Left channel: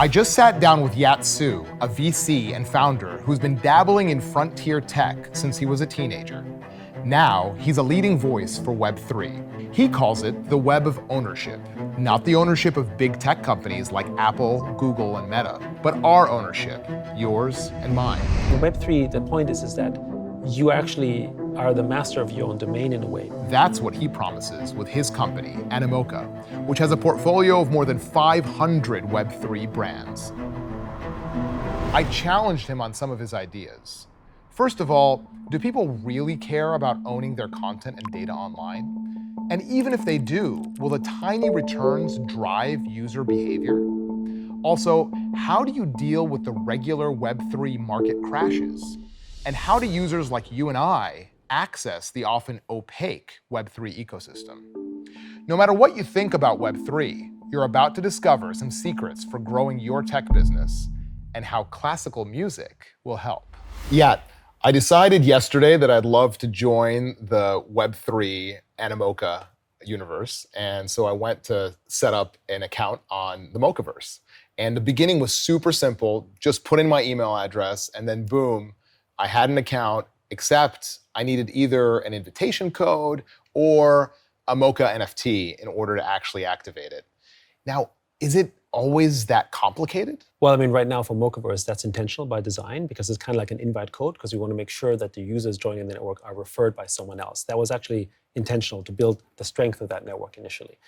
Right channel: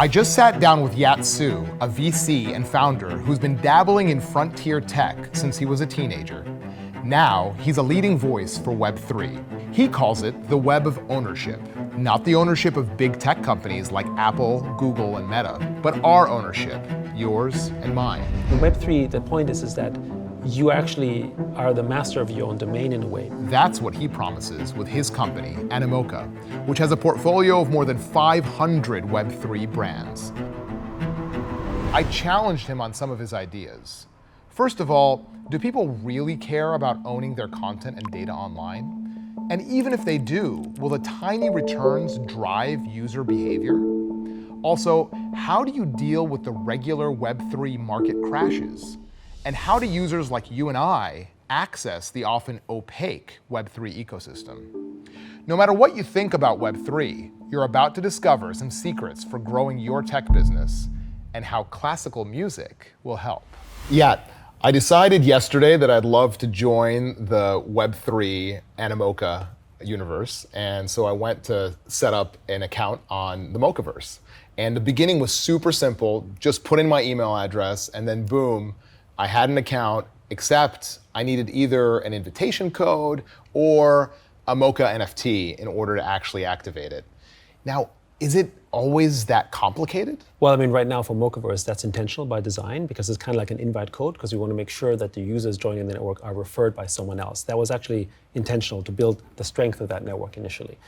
I just sat down with Yat Siu, a VC and founder who's been dabbling in frontier tech since he was a teenager. Now, he's a leading voice for Web3. He calls it the web of ownership. Not the ownership of big tech companies like Apple, Google, and Meta, but our ownership, yours and mine. In Web3, the point is that you actually are the master of your own domain in a way. That's what he promises with his company, Animoca, which has a portfolio of more than 500 Web3 brands. I challenged him on some of his ideas. First of all, do people really care about owning their content and data online? And even if they do, will the tiny returns drive user behavior? Also, how do you deal with the regular Web3 market crashes? And how do users like you and I access the often opaque Web3 ecosystem? No matter what you think about Web3, you're about to discover some secrets for growing your tech business and how classical music will help. Yat, I decided yesterday that I'd love to join the Web3 Animoca universe, and so I went to set up an account on the Mochaverse. And the beginning was super simple, just put in my email address, and then boom, I had an account, except I needed either an invitation code or a Mocha NFT in order to actually activate it. Now, is it always that complicated? Well, I mean, right now for Mochaverse, that's intentional by design because it's kind of like an invite code because we want to make sure that the users joining the network are referred by someone else. That was actually intentional to build the strength of that network initially.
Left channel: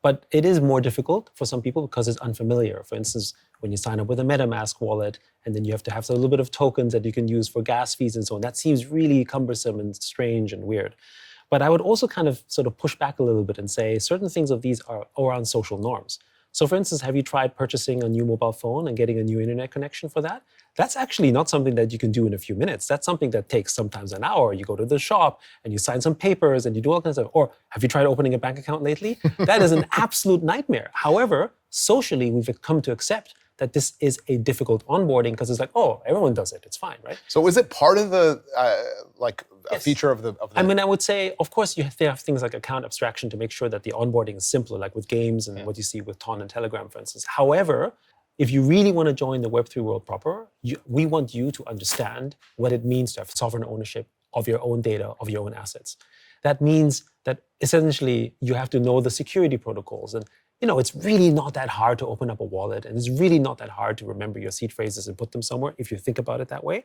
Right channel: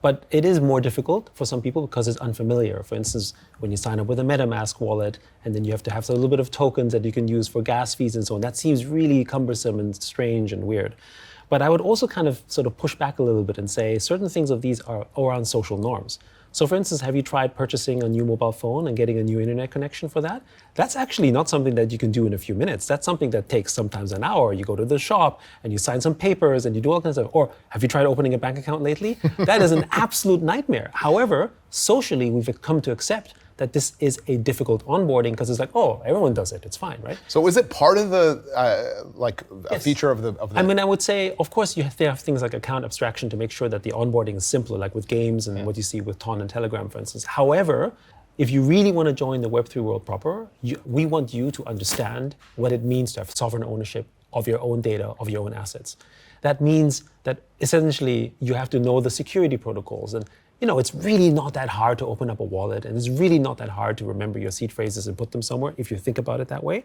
But it is more difficult for some people because it's unfamiliar. For instance, when you sign up with a MetaMask wallet, and then you have to have a little bit of tokens that you can use for gas fees and so on, that seems really cumbersome and strange and weird. But I would also kind of sort of push back a little bit and say certain things of these are around social norms. So for instance, have you tried purchasing a new mobile phone and getting a new internet connection for that? That's actually not something that you can do in a few minutes. That's something that takes sometimes an hour. You go to the shop and you sign some papers and you do all kinds of, or have you tried opening a bank account lately? That is an absolute nightmare. However, socially, we've come to accept that this is a difficult onboarding because it's like, oh, everyone does it, it's fine, right? So is it part of the, Yes. feature of the? I mean, I would say, of course, you have to have things like account abstraction to make sure that the onboarding is simpler, like with games and what you see with Ton and Telegram, for instance. However, if you really want to join the Web3 world proper, we want you to understand what it means to have sovereign ownership of your own data, of your own assets. That means that essentially you have to know the security protocols. And it's really not that hard to open up a wallet, and it's really not that hard to remember your seed phrases and put them somewhere if you think about it that way.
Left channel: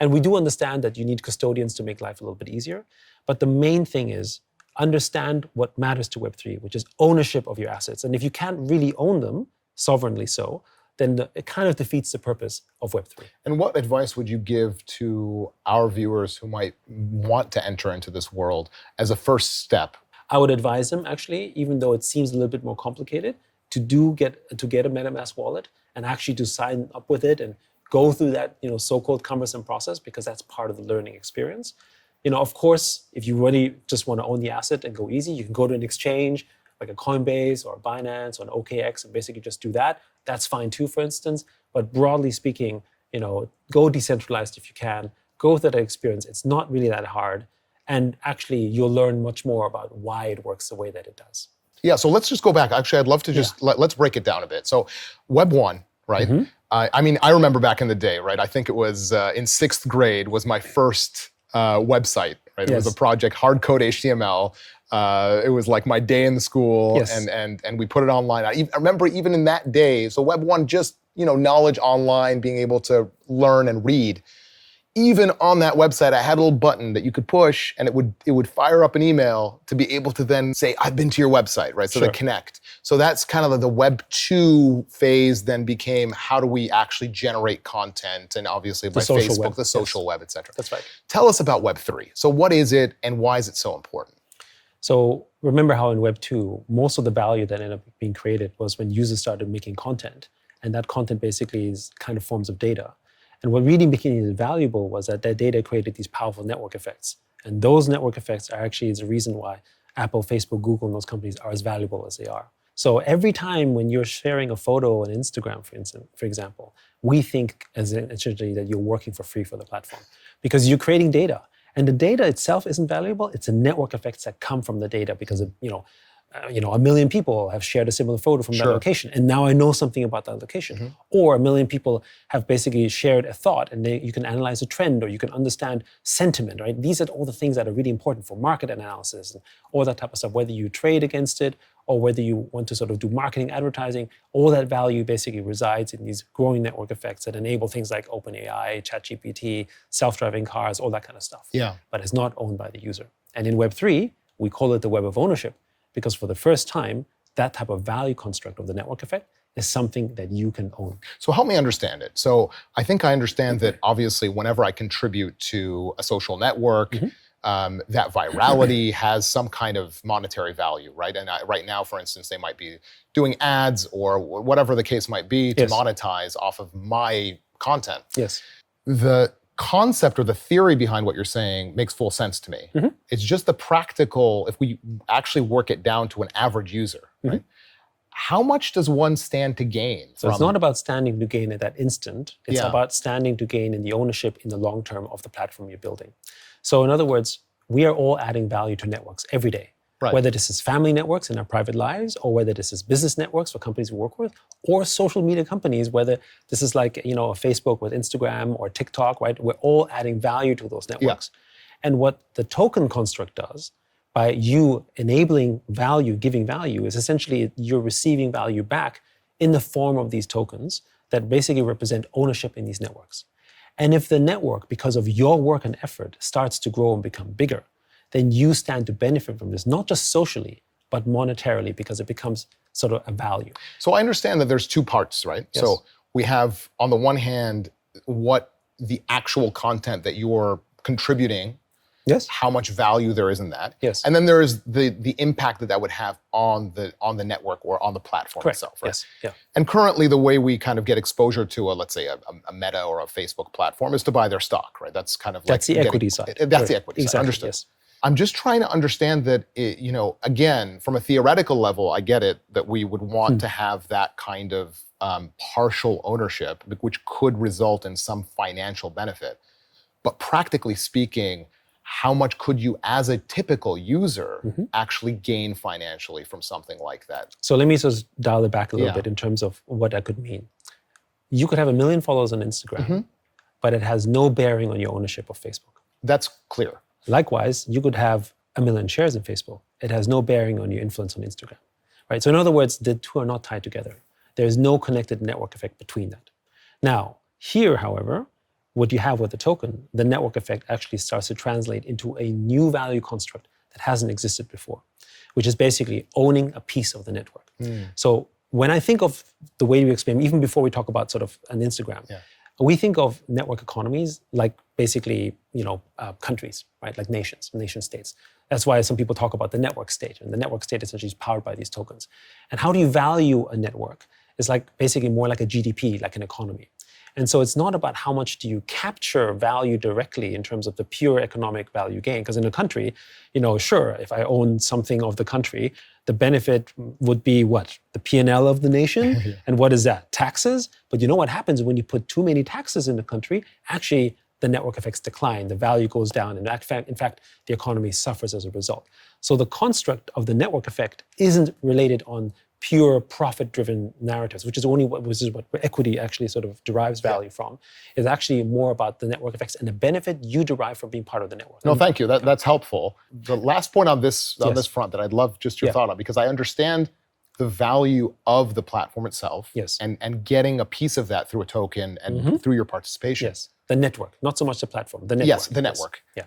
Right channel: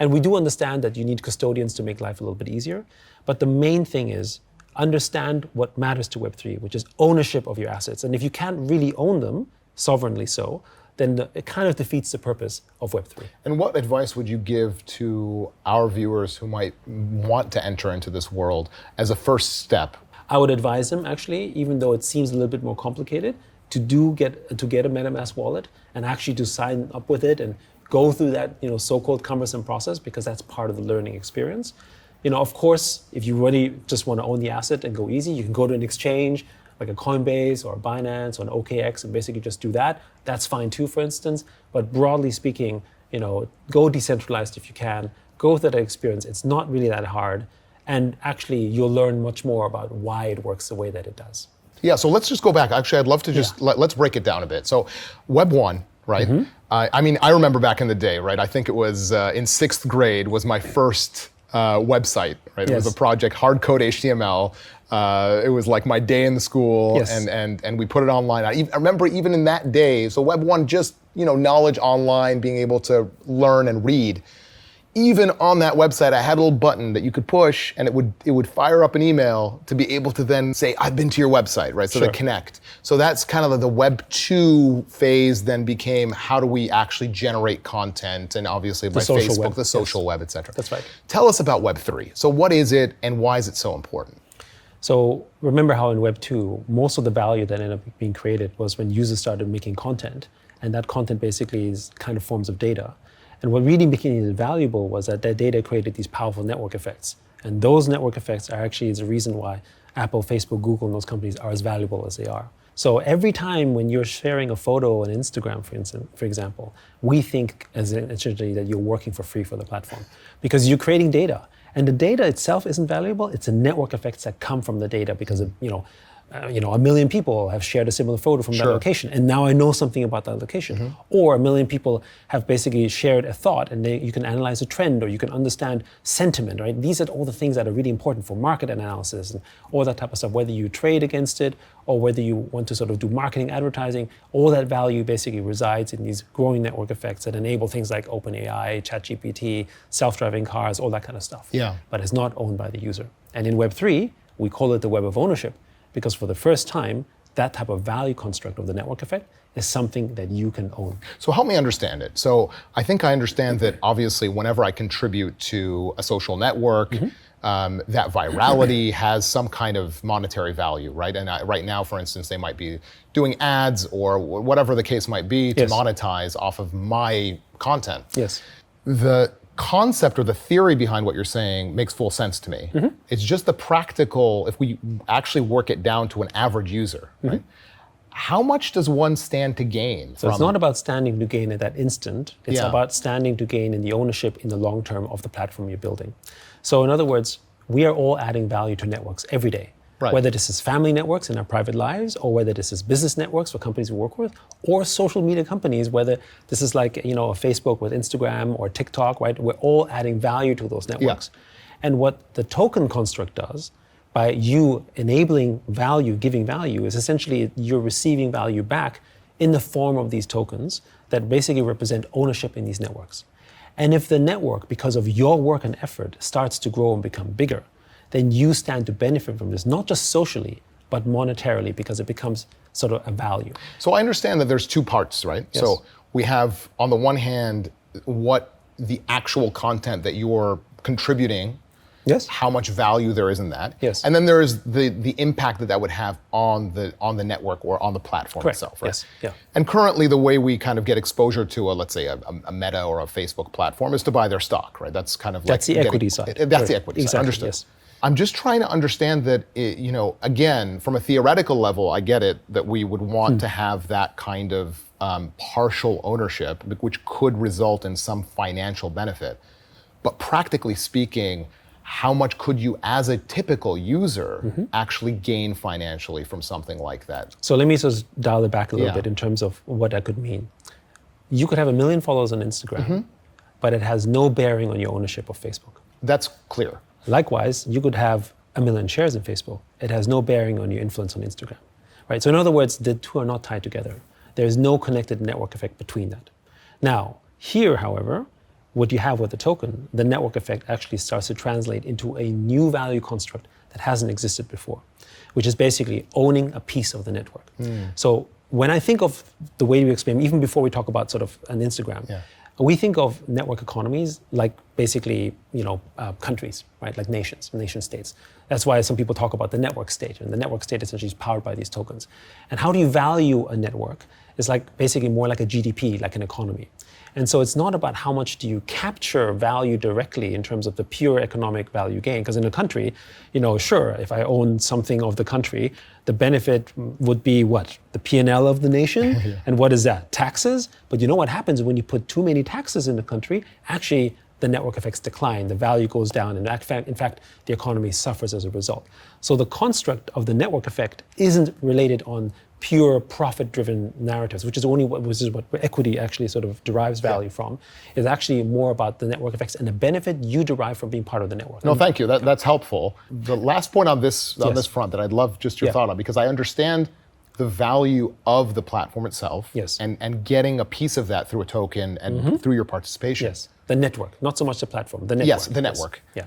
And we do understand that you need custodians to make life a little bit easier. But the main thing is understand what matters to Web3, which is ownership of your assets. And if you can't really own them, sovereignly so, then it kind of defeats the purpose of Web3. And what advice would you give to our viewers who might want to enter into this world as a first step? I would advise them, actually, even though it seems a little bit more complicated, to get a MetaMask wallet and actually to sign up with it and go through that so-called cumbersome process, because that's part of the learning experience. Of course, if you really just want to own the asset and go easy, you can go to an exchange like a Coinbase or a Binance or an OKX and basically just do that. That's fine too, for instance. But broadly speaking, go decentralized if you can. Go through that experience. It's not really that hard. And actually, you'll learn much more about why it works the way that it does. Yeah, so let's just go back. Actually, I'd love to just, let's break it down a bit. So Web 1, right? Mm-hmm. I remember back in the day, right? I think it was in 6th grade was my first website, right? It was a project, hard code HTML. It was like my day in the school, and we put it online. I remember even in that day, so Web 1, just knowledge online, being able to learn and read. Even on that website, I had a little button that you could push, and it would fire up an email to be able to then say, I've been to your website, right? So to connect. So that's kind of the Web 2 phase then became, how do we actually generate content? And obviously by Facebook, web. The social web, et cetera. That's right. Tell us about Web 3. So what is it, and why is it so important? So remember how in Web 2, most of the value that ended up being created was when users started making content. And that content basically is kind of forms of data. And what really became valuable was that data created these powerful network effects. And those network effects are actually the reason why Apple, Facebook, Google, and those companies are as valuable as they are. So every time when you're sharing a photo on Instagram, for example, we think essentially that you're working for free for the platform because you're creating data. And the data itself isn't valuable. It's the network effects that come from the data because of, a million people have shared a similar photo from that Sure. location, and now I know something about that location. Or a million people have basically shared a thought, and you can analyze a trend, or you can understand sentiment, right? These are all the things that are really important for market analysis and all that type of stuff, whether you trade against it or whether you want to sort of do marketing, advertising. All that value basically resides in these growing network effects that enable things like OpenAI, ChatGPT, self-driving cars, all that kind of stuff. Yeah. But it's not owned by the user. And in Web3, we call it the web of ownership, because for the first time, that type of value construct of the network effect is something that you can own. So help me understand it. So I think I understand that obviously whenever I contribute to a social network, that virality has some kind of monetary value, right? And right now, for instance, they might be doing ads or whatever the case might be to Yes. monetize off of my content. Yes. The concept or the theory behind what you're saying makes full sense to me. It's just the practical, if we actually work it down to an average user, right? How much does one stand to gain? So it's not about standing to gain at that instant. It's Yeah. about standing to gain in the ownership in the long term of the platform you're building. So in other words, we are all adding value to networks every day. Right. Whether this is family networks in our private lives, or whether this is business networks for companies we work with, or social media companies, whether this is like, a Facebook with Instagram or TikTok, right? We're all adding value to those networks. And what the token construct does, by you enabling value, giving value, is essentially you're receiving value back in the form of these tokens that basically represent ownership in these networks. And if the network, because of your work and effort, starts to grow and become bigger, then you stand to benefit from this, not just socially, but monetarily, because it becomes sort of a value. So I understand that there's two parts, right? Yes. So we have, on the one hand, what the actual content that you're contributing, Yes. how much value there is in that. Yes. And then there is the impact that would have on the network or on the platform Correct. itself, right? Yes. Yeah. And currently, the way we kind of get exposure to let's say a Meta or a Facebook platform is to buy their stock, right? That's kind of like That's the equity side. That's Right. the equity side. Exactly, Understood. yes. I'm just trying to understand that, again, from a theoretical level, I get it that we would want to have that kind of partial ownership, which could result in some financial benefit. But practically speaking, how much could you, as a typical user, actually gain financially from something like that? So let me just dial it back a little Yeah. bit in terms of what that could mean. You could have 1 million followers on Instagram, but it has no bearing on your ownership of Facebook. That's clear. Likewise, you could have 1 million shares in Facebook. It has no bearing on your influence on Instagram, right? So in other words, the two are not tied together. There is no connected network effect between that. Now, here, however, what you have with the token, the network effect actually starts to translate into a new value construct that hasn't existed before, which is basically owning a piece of the network. So when I think of the way you explain, even before we talk about sort of an Instagram, we think of network economies like basically, countries, right? Like nations, nation states. That's why some people talk about the network state, and the network state essentially is powered by these tokens. And how do you value a network? It's like basically more like a GDP, like an economy. And so it's not about how much do you capture value directly in terms of the pure economic value gain. Because in a country, sure, if I own something of the country, the benefit would be what? The P&L of the nation? And what is that? Taxes? But you know what happens when you put too many taxes in the country? Actually, the network effects decline, the value goes down, and in fact, the economy suffers as a result. So the construct of the network effect isn't related on pure profit-driven narratives, which is what equity actually sort of derives value from, is actually more about the network effects and the benefit you derive from being part of the network. No, thank you. That's helpful. The last point on this Yes. front that I'd love just your Yeah. thought on, because I understand the value of the platform itself, Yes. and getting a piece of that through a token and through your participation. Yes, the network, not so much the platform, the network. Yes, the network. Yeah.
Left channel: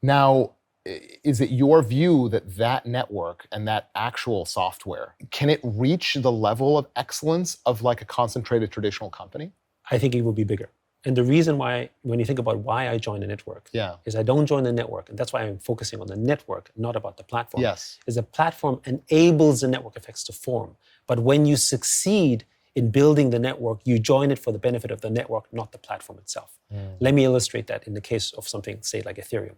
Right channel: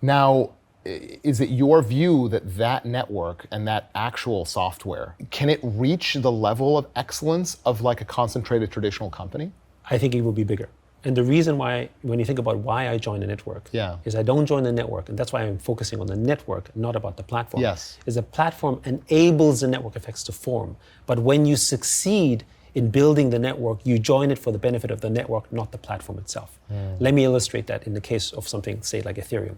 Now, is it your view that that network and that actual software, can it reach the level of excellence of like a concentrated traditional company? I think it will be bigger. And the reason why, when you think about why I joined the network, Yeah. is I don't join the network, and that's why I'm focusing on the network, not about the platform. Yes. Is the platform enables the network effects to form. But when you succeed in building the network, you join it for the benefit of the network, not the platform itself. Let me illustrate that in the case of something, say, like Ethereum.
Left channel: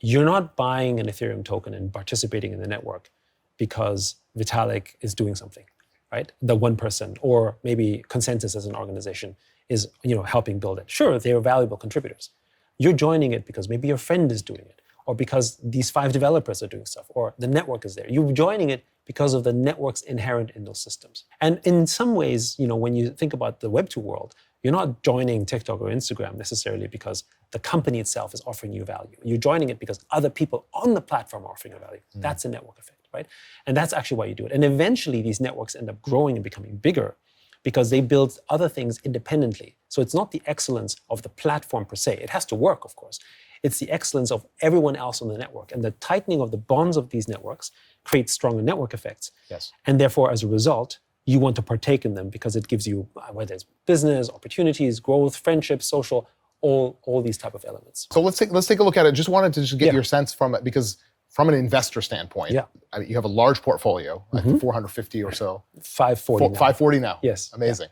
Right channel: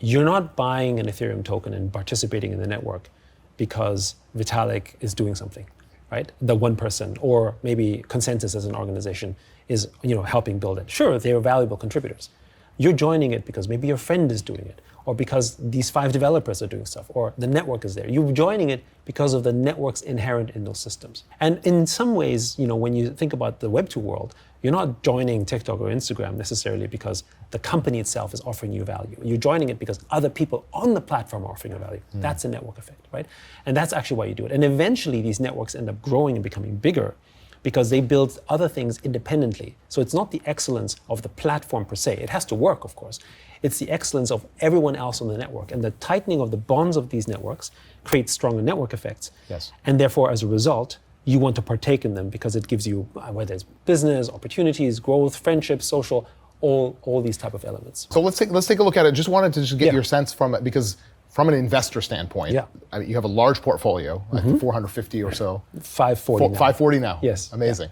You're not buying an Ethereum token and participating in the network because Vitalik is doing something, right? The one person, or maybe Consensus as an organization is, helping build it. Sure, they are valuable contributors. You're joining it because maybe your friend is doing it, or because these 5 developers are doing stuff, or the network is there. You're joining it because of the networks inherent in those systems. And in some ways, when you think about the Web2 world, you're not joining TikTok or Instagram necessarily because the company itself is offering you value. You're joining it because other people on the platform are offering you value. That's a network effect, right? And that's actually why you do it. And eventually these networks end up growing and becoming bigger because they build other things independently. So it's not the excellence of the platform per se. It has to work, of course. It's the excellence of everyone else on the network. And the tightening of the bonds of these networks creates stronger network effects. Yes. And therefore, as a result, you want to partake in them because it gives you, whether it's business, opportunities, growth, friendship, social, all these type of elements. So let's take a look at it. Just wanted to just get your sense from it, because from an investor standpoint, I mean, you have a large portfolio, like 450 or so. 540 now. 540 now. Yes. Amazing.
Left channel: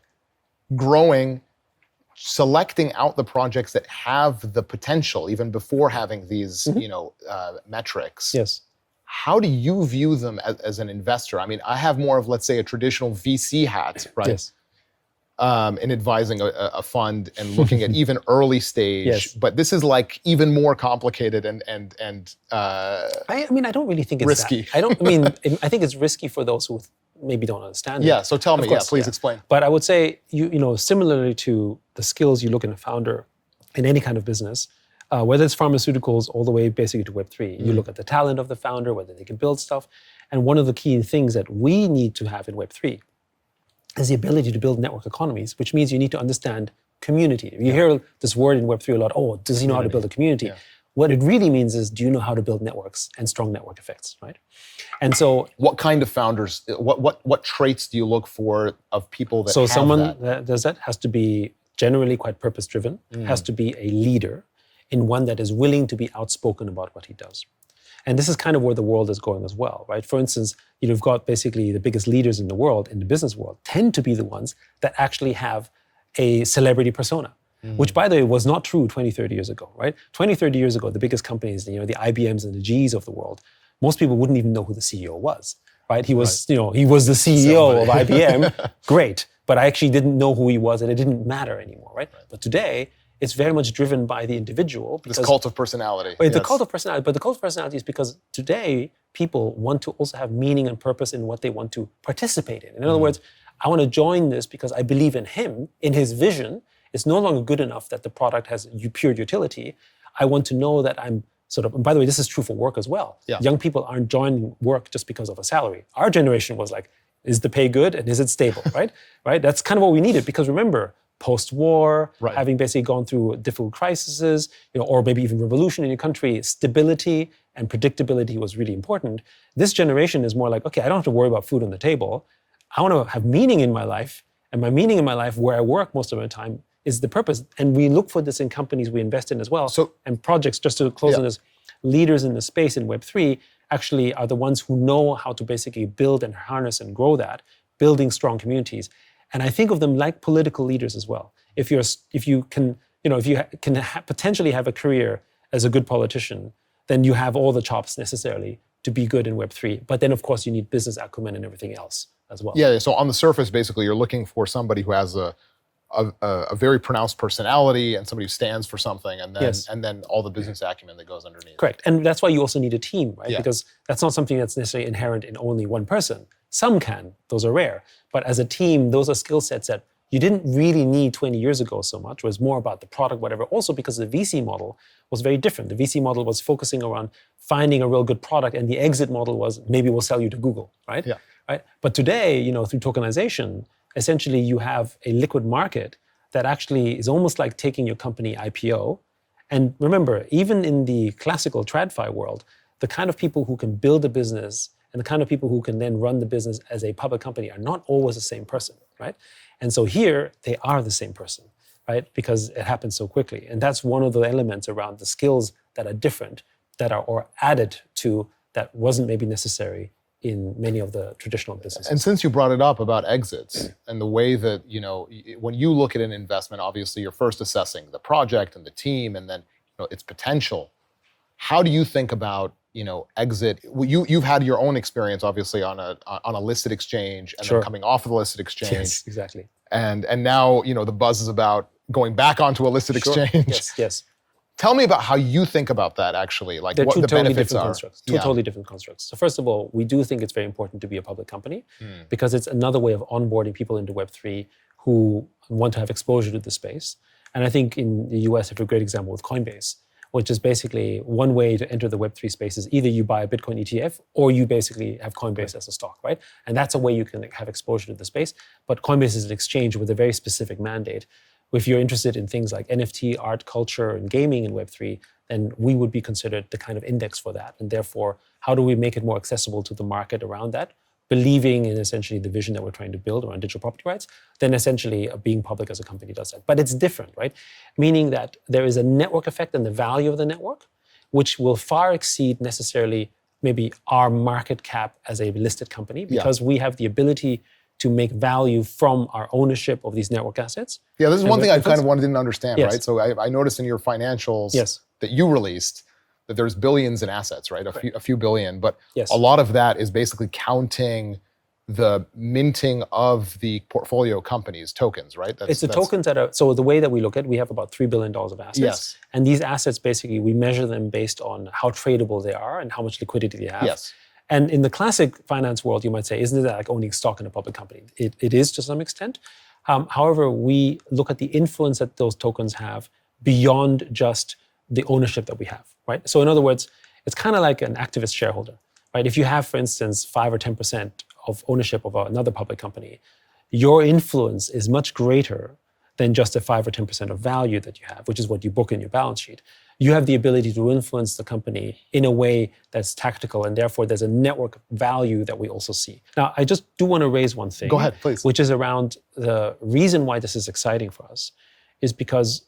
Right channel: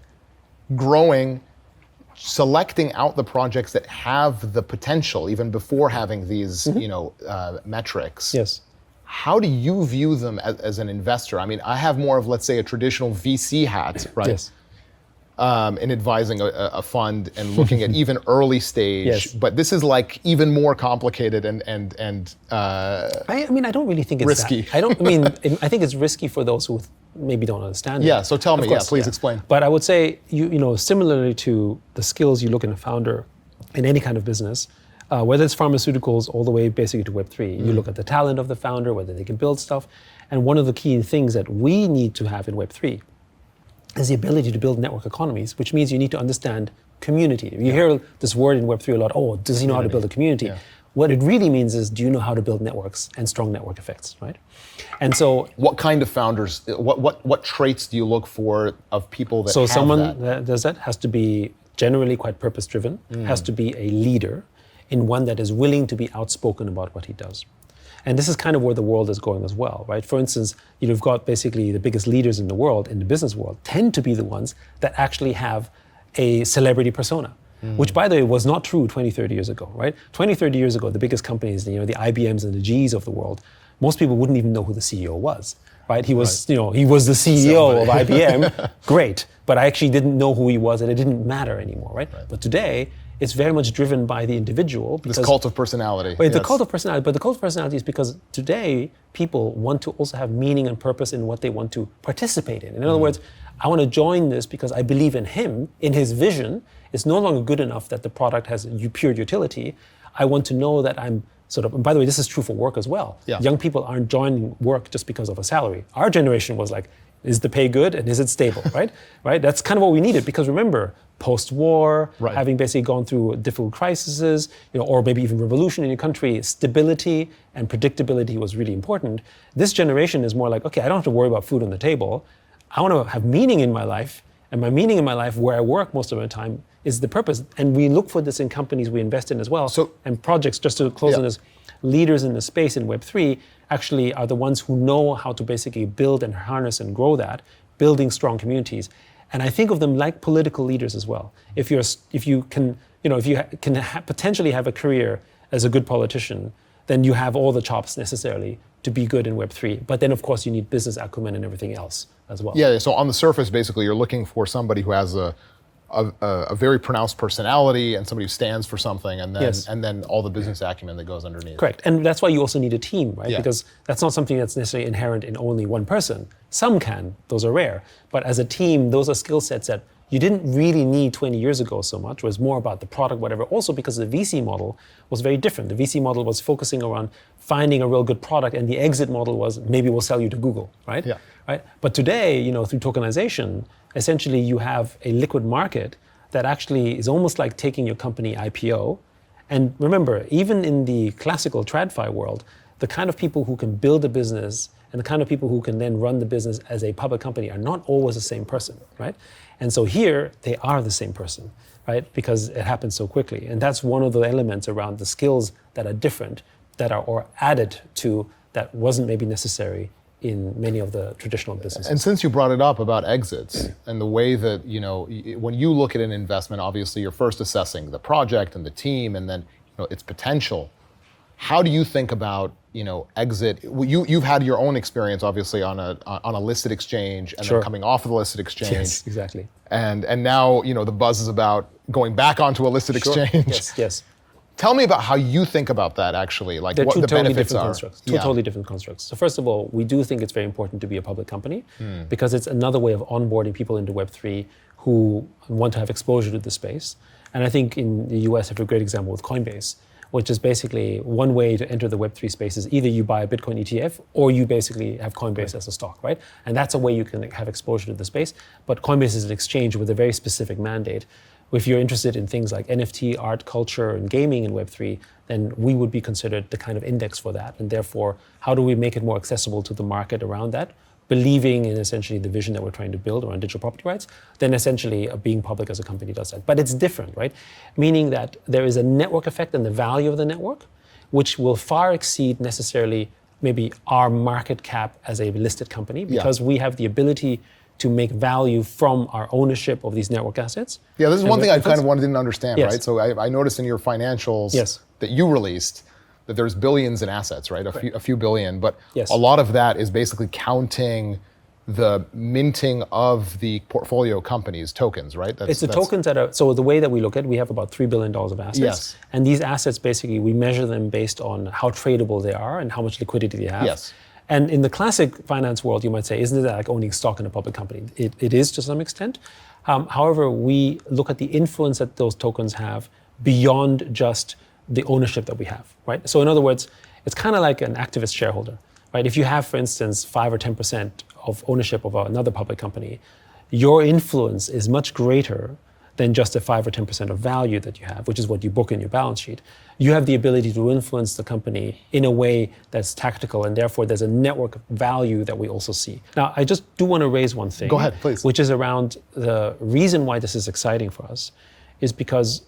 Growing, selecting out the projects that have the potential, even before having these, metrics. Yes. How do you view them as an investor? I mean, I have more of, let's say, a traditional VC hat, right? Yes. In advising a fund and looking at even early stage, Yes. but this is like even more complicated and I mean, I don't really think it's risky. I think it's risky for those who maybe don't understand it. Yeah, so tell me, Of course, please explain. But I would say, similarly to the skills you look in a founder in any kind of business, whether it's pharmaceuticals all the way basically to Web3, you look at the talent of the founder, whether they can build stuff. And one of the key things that we need to have in Web3 is the ability to build network economies, which means you need to understand community. You hear this word in Web3 a lot, does he know how to build a community? Yeah. What it really means is, do you know how to build networks and strong network effects, right? And so, what kind of founders? What traits do you look for of people that? So have someone that does that has to be generally quite purpose-driven, has to be a leader, in one that is willing to be outspoken about what he does. And this is kind of where the world is going as well, right? For instance, you've got basically the biggest leaders in the world, in the business world, tend to be the ones that actually have a celebrity persona. Which, by the way, was not true 20, 30 years ago, right? 20, 30 years ago, the biggest companies, the IBMs and the Gs of the world, most people wouldn't even know who the CEO was, right? He was, he was the CEO of IBM, great, but I actually didn't know who he was and it didn't matter anymore, right? But today, it's very much driven by the individual. This cult of personality. The cult of personality, but the cult of personality is because today, people want to also have meaning and purpose in what they want to participate in. In other words, I want to join this because I believe in him, in his vision. It's no longer good enough that the product has pure utility. I want to know that I'm and by the way, this is true for work as well. Yeah. Young people aren't joining work just because of a salary. Our generation was like, is the pay good and is it stable, right? Right? That's kind of what we needed, because remember, post-war, having basically gone through difficult crises, or maybe even revolution in your country, stability and predictability was really important. This generation is more like, okay, I don't have to worry about food on the table. I want to have meaning in my life, and my meaning in my life, where I work most of my time, is the purpose. And we look for this in companies we invest in as well. And projects, just to close on this, leaders in the space in Web3 actually are the ones who know how to basically build and harness and grow that, building strong communities. And I think of them like political leaders as well. If you can potentially have a career as a good politician, then you have all the chops necessarily to be good in Web3. But then, of course, you need business acumen and everything else as well. Yeah, so on the surface, basically, you're looking for somebody who has a very pronounced personality and somebody who stands for something, and then all the business acumen that goes underneath. Correct, and that's why you also need a team, right? Yeah. Because that's not something that's necessarily inherent in only one person. Some can, those are rare. But as a team, those are skill sets that you didn't really need 20 years ago so much. It was more about the product, whatever. Also because the VC model was very different. The VC model was focusing around finding a real good product, and the exit model was maybe we'll sell you to Google, right? Yeah. Right. But today, through tokenization, essentially you have a liquid market that actually is almost like taking your company IPO. And remember, even in the classical TradFi world, the kind of people who can build a business and the kind of people who can then run the business as a public company are not always the same person, right? And so here, they are the same person, right? Because it happens so quickly. And that's one of the elements around the skills that are different, that are or added to, that wasn't maybe necessary in many of the traditional businesses. And since you brought it up about exits and the way that, when you look at an investment, obviously you're first assessing the project and the team and then its potential. How do you think about, exit? You've had your own experience, obviously, on a listed exchange and then coming off of the listed exchange. Yes, exactly. And now, the buzz is about going back onto a listed exchange. Yes. Tell me about how you think about that, actually, like They're what two the totally benefits different are. constructs. Two totally different constructs. So first of all, we do think it's very important to be a public company because it's another way of onboarding people into Web3 who want to have exposure to the space. And I think in the US, I have a great example with Coinbase, which is basically one way to enter the Web3 space is either you buy a Bitcoin ETF or you basically have Coinbase as a stock, right? And that's a way you can have exposure to the space. But Coinbase is an exchange with a very specific mandate. If you're interested in things like NFT, art, culture, and gaming in Web3, then we would be considered the kind of index for that. And therefore, how do we make it more accessible to the market around that? Believing in essentially the vision that we're trying to build around digital property rights, then essentially being public as a company does that. But it's different, right? Meaning that there is a network effect and the value of the network, which will far exceed necessarily maybe our market cap as a listed company, because we have the ability to make value from our ownership of these network assets. Yeah, this is one thing I kind of didn't understand, Yes. right? So I noticed in your financials Yes. that you released that there's billions in assets, right? A few billion, but Yes. a lot of that is basically counting the minting of the portfolio companies' tokens, right? It's the tokens that are, so the way that we look at it, we have about $3 billion of assets. Yes. And these assets, basically, we measure them based on how tradable they are and how much liquidity they have. Yes. And in the classic finance world, you might say, isn't it like owning stock in a public company? It is to some extent. However, we look at the influence that those tokens have beyond just the ownership that we have, right? So in other words, it's kind of like an activist shareholder, right? If you have, for instance, 5 or 10% of ownership of another public company, your influence is much greater than just a 5 or 10% of value that you have, which is what you book in your balance sheet. You have the ability to influence the company in a way that's tactical, and therefore there's a network value that we also see. Now, I just do want to raise one thing. Go ahead, please. Which is around the reason why this is exciting for us is because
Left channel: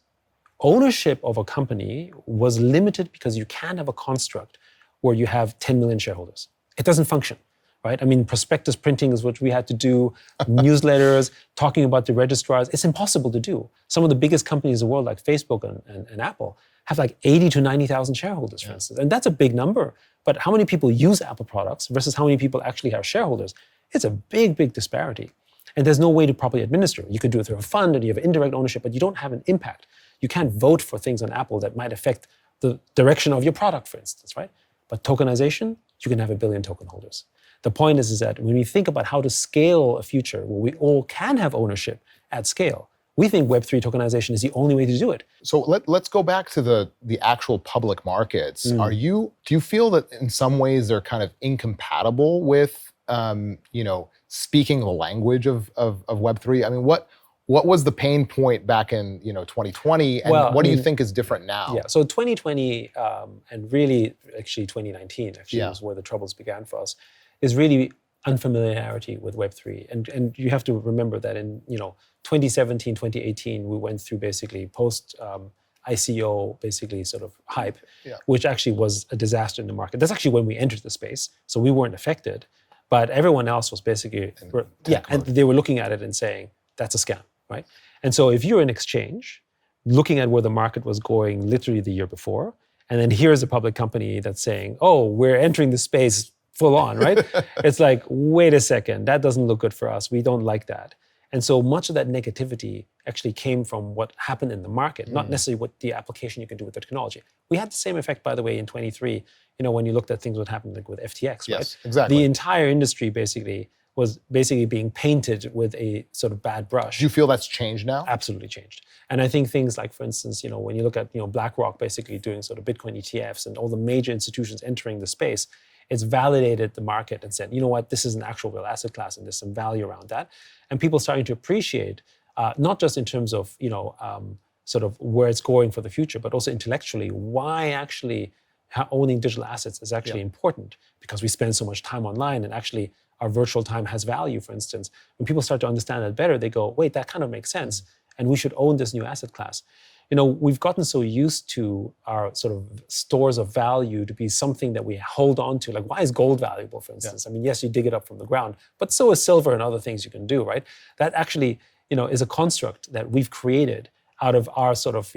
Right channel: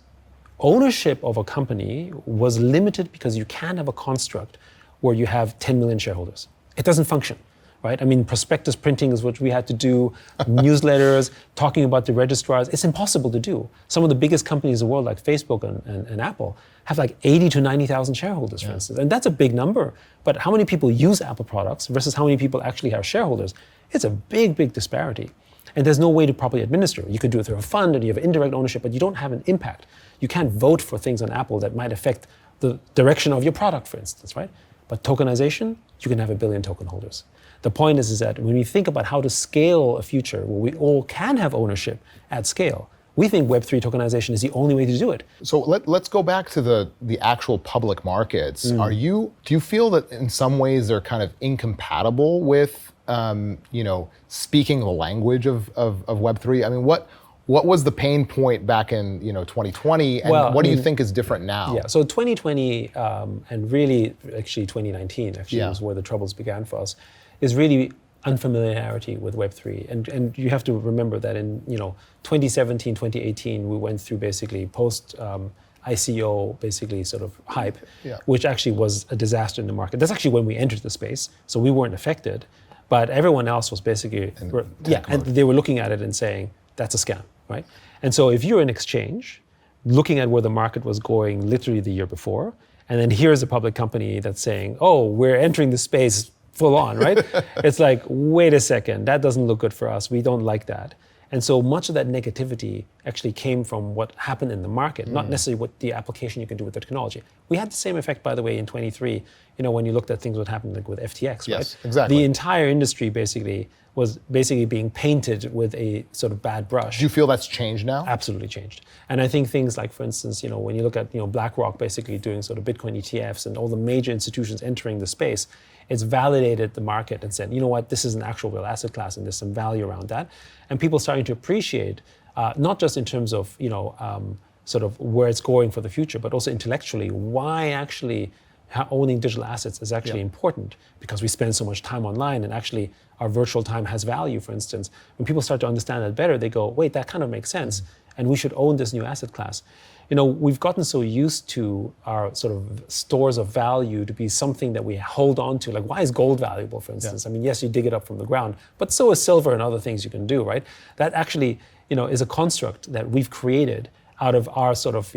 ownership of a company was limited because you can't have a construct where you have 10 million shareholders. It doesn't function. Right? I mean, prospectus printing is what we had to do, newsletters, talking about the registrars. It's impossible to do. Some of the biggest companies in the world, like Facebook and Apple, have like 80 to 90,000 shareholders, for instance. And that's a big number. But how many people use Apple products versus how many people actually have shareholders? It's a big, big disparity. And there's no way to properly administer it. You could do it through a fund and you have indirect ownership, but you don't have an impact. You can't vote for things on Apple that might affect the direction of your product, for instance, right? But tokenization, you can have 1 billion token holders. The point is that when we think about how to scale a future where we all can have ownership at scale, we think Web3 tokenization is the only way to do it. So let's go back to the actual public markets. Do you feel that in some ways they're kind of incompatible with speaking the language of Web3? I mean, what was the pain point back in 2020, and what do you think is different now? Yeah, so 2020 and really actually 2019 was where the troubles began for us, is really unfamiliarity with Web3. And you have to remember that in 2017, 2018, we went through basically post ICO basically sort of hype, which actually was a disaster in the market. That's actually when we entered the space, so we weren't affected, but everyone else was basically, and they were looking at it and saying, that's a scam, right? And so if you're an exchange, looking at where the market was going literally the year before, and then here's a public company that's saying, oh, we're entering the space full on, right? It's like, wait a second, that doesn't look good for us. We don't like that. And so much of that negativity actually came from what happened in the market, not necessarily what the application you can do with the technology. We had the same effect, by the way, in 23, when you looked at things that happened like with FTX, right? Yes, exactly. The entire industry basically was basically being painted with a sort of bad brush. Do you feel that's changed now? Absolutely changed. And I think things like, for instance, when you look at BlackRock basically doing sort of Bitcoin ETFs and all the major institutions entering the space, it's validated the market and said, you know what, this is an actual real asset class and there's some value around that. And people starting to appreciate, not just in terms of, sort of where it's going for the future, but also intellectually, why actually owning digital assets is actually important, because we spend so much time online and actually our virtual time has value, for instance. When people start to understand that better, they go, wait, that kind of makes sense. And we should own this new asset class. We've gotten so used to our sort of stores of value to be something that we hold on to. Like, why is gold valuable, for instance? I mean, yes, you dig it up from the ground, but so is silver and other things you can do, right? That actually, is a construct that we've created out of our sort of,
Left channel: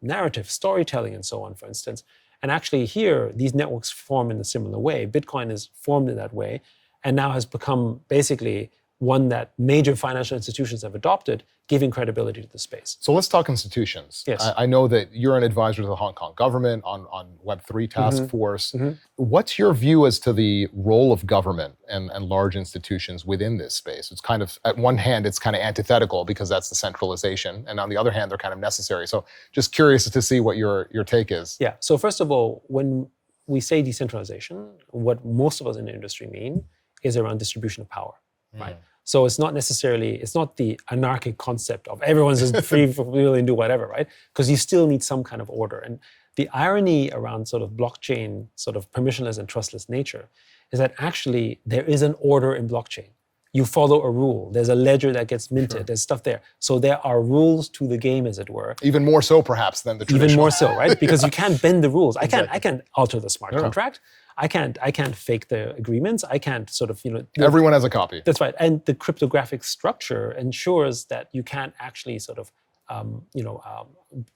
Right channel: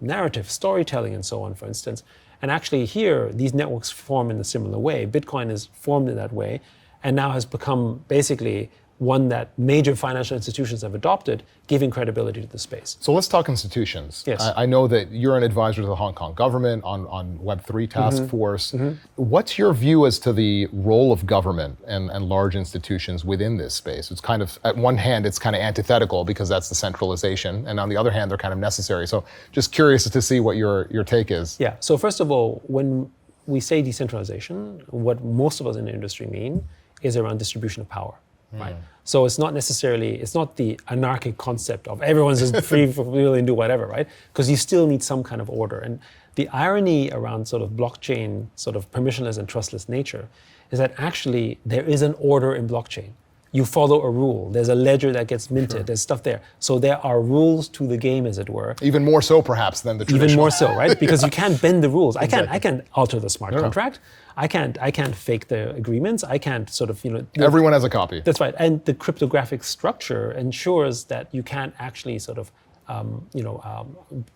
narrative, storytelling and so on, for instance. And actually here, these networks form in a similar way. Bitcoin is formed in that way and now has become basically one that major financial institutions have adopted, giving credibility to the space. So let's talk institutions. Yes. I know that you're an advisor to the Hong Kong government on Web3 task force. What's your view as to the role of government and large institutions within this space? It's kind of, at one hand, it's kind of antithetical because that's the centralization, and on the other hand, they're kind of necessary. So just curious to see what your take is. Yeah, so first of all, when we say decentralization, what most of us in the industry mean is around distribution of power. Right. So it's not the anarchic concept of everyone's just free for really and do whatever, right? Because you still need some kind of order. And the irony around sort of blockchain, sort of permissionless and trustless nature, is that actually there is an order in blockchain. You follow a rule. There's a ledger that gets minted. There's stuff there. So there are rules to the game, as it were. Even more so, perhaps, than the traditional. Even more so, right? Because you can't bend the rules. I can't alter the smart contract. I can't fake the agreements. I can't sort of, Everyone has a copy. That's right. And the cryptographic structure ensures that you can't actually sort of,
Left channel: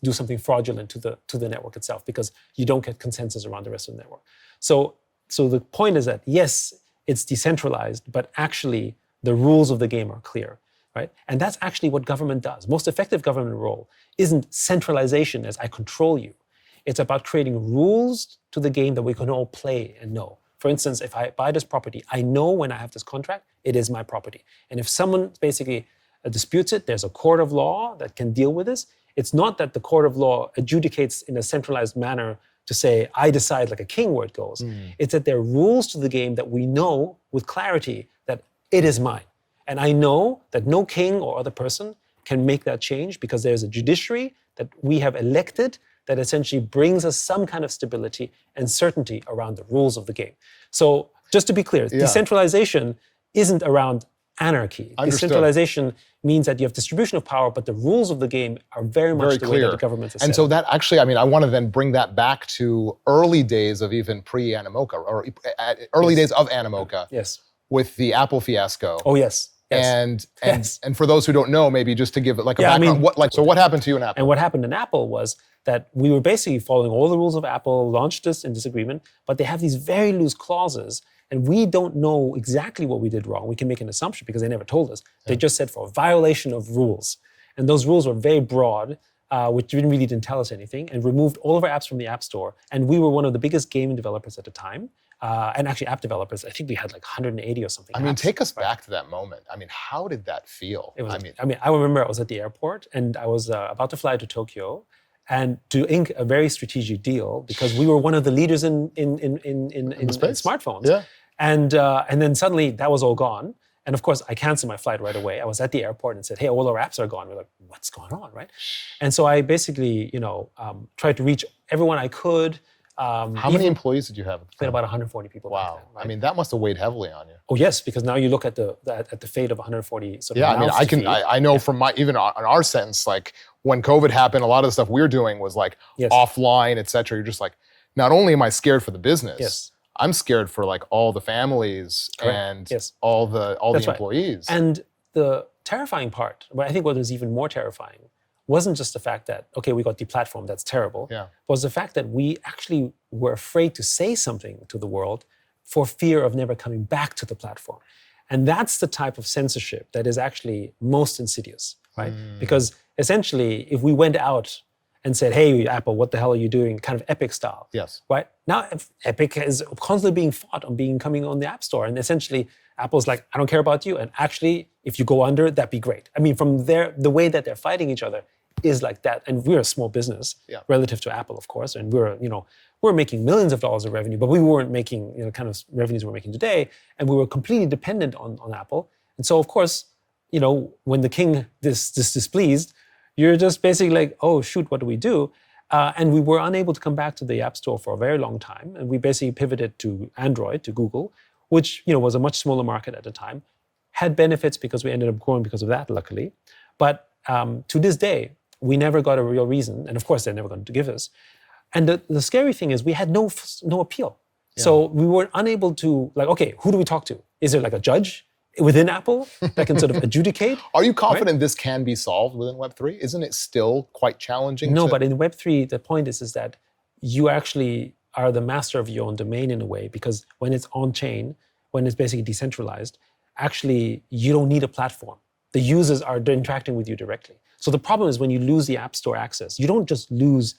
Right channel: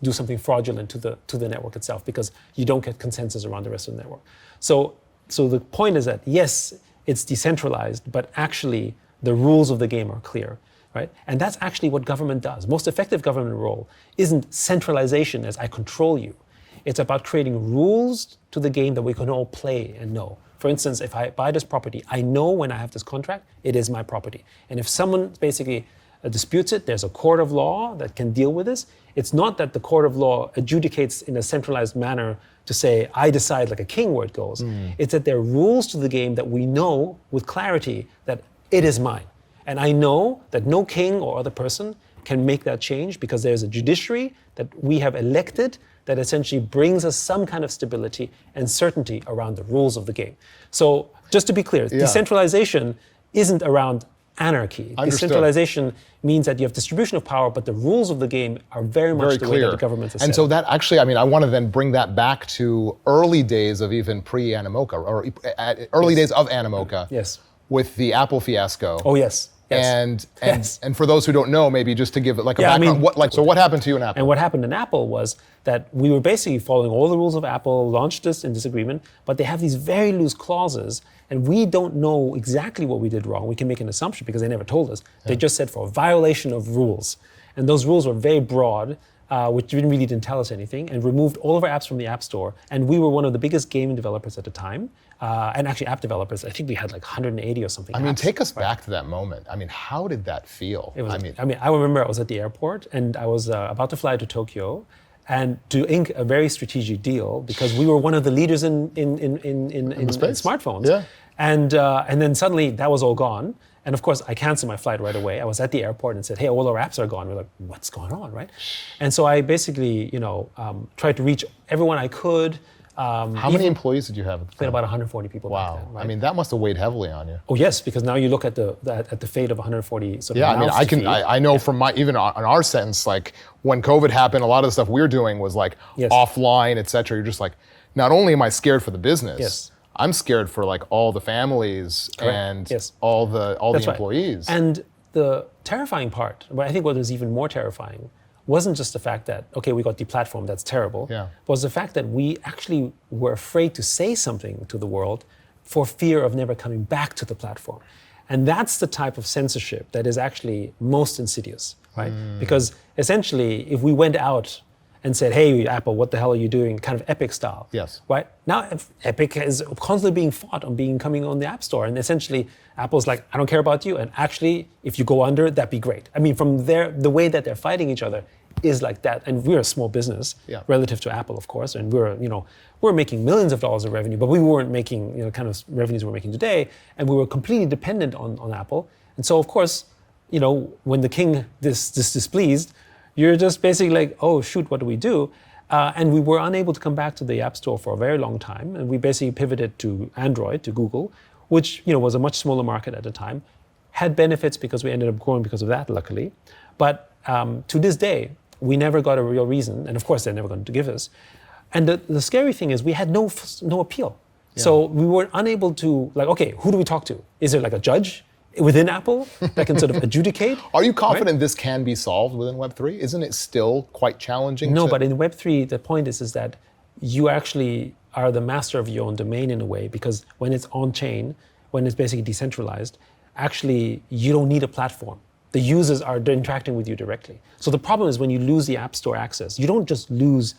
do something fraudulent to the network itself, because you don't get consensus around the rest of the network. So the point is that yes, it's decentralized, but actually the rules of the game are clear, right? And that's actually what government does. Most effective government role isn't centralization as I control you. It's about creating rules to the game that we can all play and know. For instance, if I buy this property, I know when I have this contract, it is my property. And if someone basically disputes it, there's a court of law that can deal with this. It's not that the court of law adjudicates in a centralized manner to say, I decide like a king where it goes. It's that there are rules to the game that we know with clarity that it is mine. And I know that no king or other person can make that change, because there's a judiciary that we have elected that essentially brings us some kind of stability and certainty around the rules of the game. So just to be clear, decentralization isn't around anarchy. Understood. Decentralization means that you have distribution of power, but the rules of the game are very much the way that the government is And set. so that actually, I want to then bring that back to early days of even pre-Animoca, or early days of Animoca. Yes. With the Apple fiasco. Oh, yes. And Yes. and for those who don't know, maybe just to give it like a background, what happened to you in Apple? And what happened in Apple was that we were basically following all the rules of Apple, launched this in disagreement, but they have these very loose clauses, and we don't know exactly what we did wrong. We can make an assumption because they never told us. They just said for a violation of rules. And those rules were very broad, which didn't tell us anything, and removed all of our apps from the App Store. And we were one of the biggest game developers at the time. And actually app developers, I think we had like 180 or something. Take us back to that moment. How did that feel? I remember I was at the airport and I was about to fly to Tokyo and to ink a very strategic deal, because we were one of the leaders in smartphones. Yeah. And then suddenly that was all gone. And of course, I canceled my flight right away. I was at the airport and said, hey, all our apps are gone. We're like, what's going on, right? And so I basically, tried to reach everyone I could. How many employees did you have? We had about 140 people back then. Right? That must have weighed heavily on you. Oh yes, because now you look at the fate of 140 sort of I know from even on our sentence, like when COVID happened, a lot of the stuff we're doing was like offline, et cetera. You're just like, not only am I scared for the business, I'm scared for like all the families and all the employees. Right. And the terrifying part, but I think what was even more terrifying, wasn't just the fact that, okay, we got deplatformed, that's terrible, but was the fact that we actually were afraid to say something to the world for fear of never coming back to the platform. And that's the type of censorship that is actually most insidious, right? Because essentially, if we went out and said, hey, Apple, what the hell are you doing? Kind of Epic style. Yes. Right? Now, Epic is constantly being fought on coming on the App Store. And essentially, Apple's like, I don't care about you. And actually, if you go under, that'd be great. From the way that they're fighting each other is like that. And we're a small business relative to Apple, of course. And we're making millions of dollars of revenue, but we weren't making, kind of revenues we're making today. And we were completely dependent on Apple. And so, of course, when the king is displeased, you're just basically like, oh, shoot, what do we do? And we were unable to come back to the App Store for a very long time. And we basically pivoted to Android, to Google, which was a much smaller market at the time, had benefits because we ended up growing because of that, luckily. But to this day, we never got a real reason. And of course, they're never going to give us. And the scary thing is we had no appeal. Yeah. So we were unable to, okay, who do we talk to? Is there like a judge within Apple that can sort of adjudicate? Are you confident this can be solved within Web3? Isn't it still quite challenging? No, but in Web3, the point is that you actually are the master of your own domain in a way, because when it's on-chain, when it's basically decentralized, actually you don't need a platform. The users are interacting with you directly. So the problem is when you lose the App Store access, you don't just lose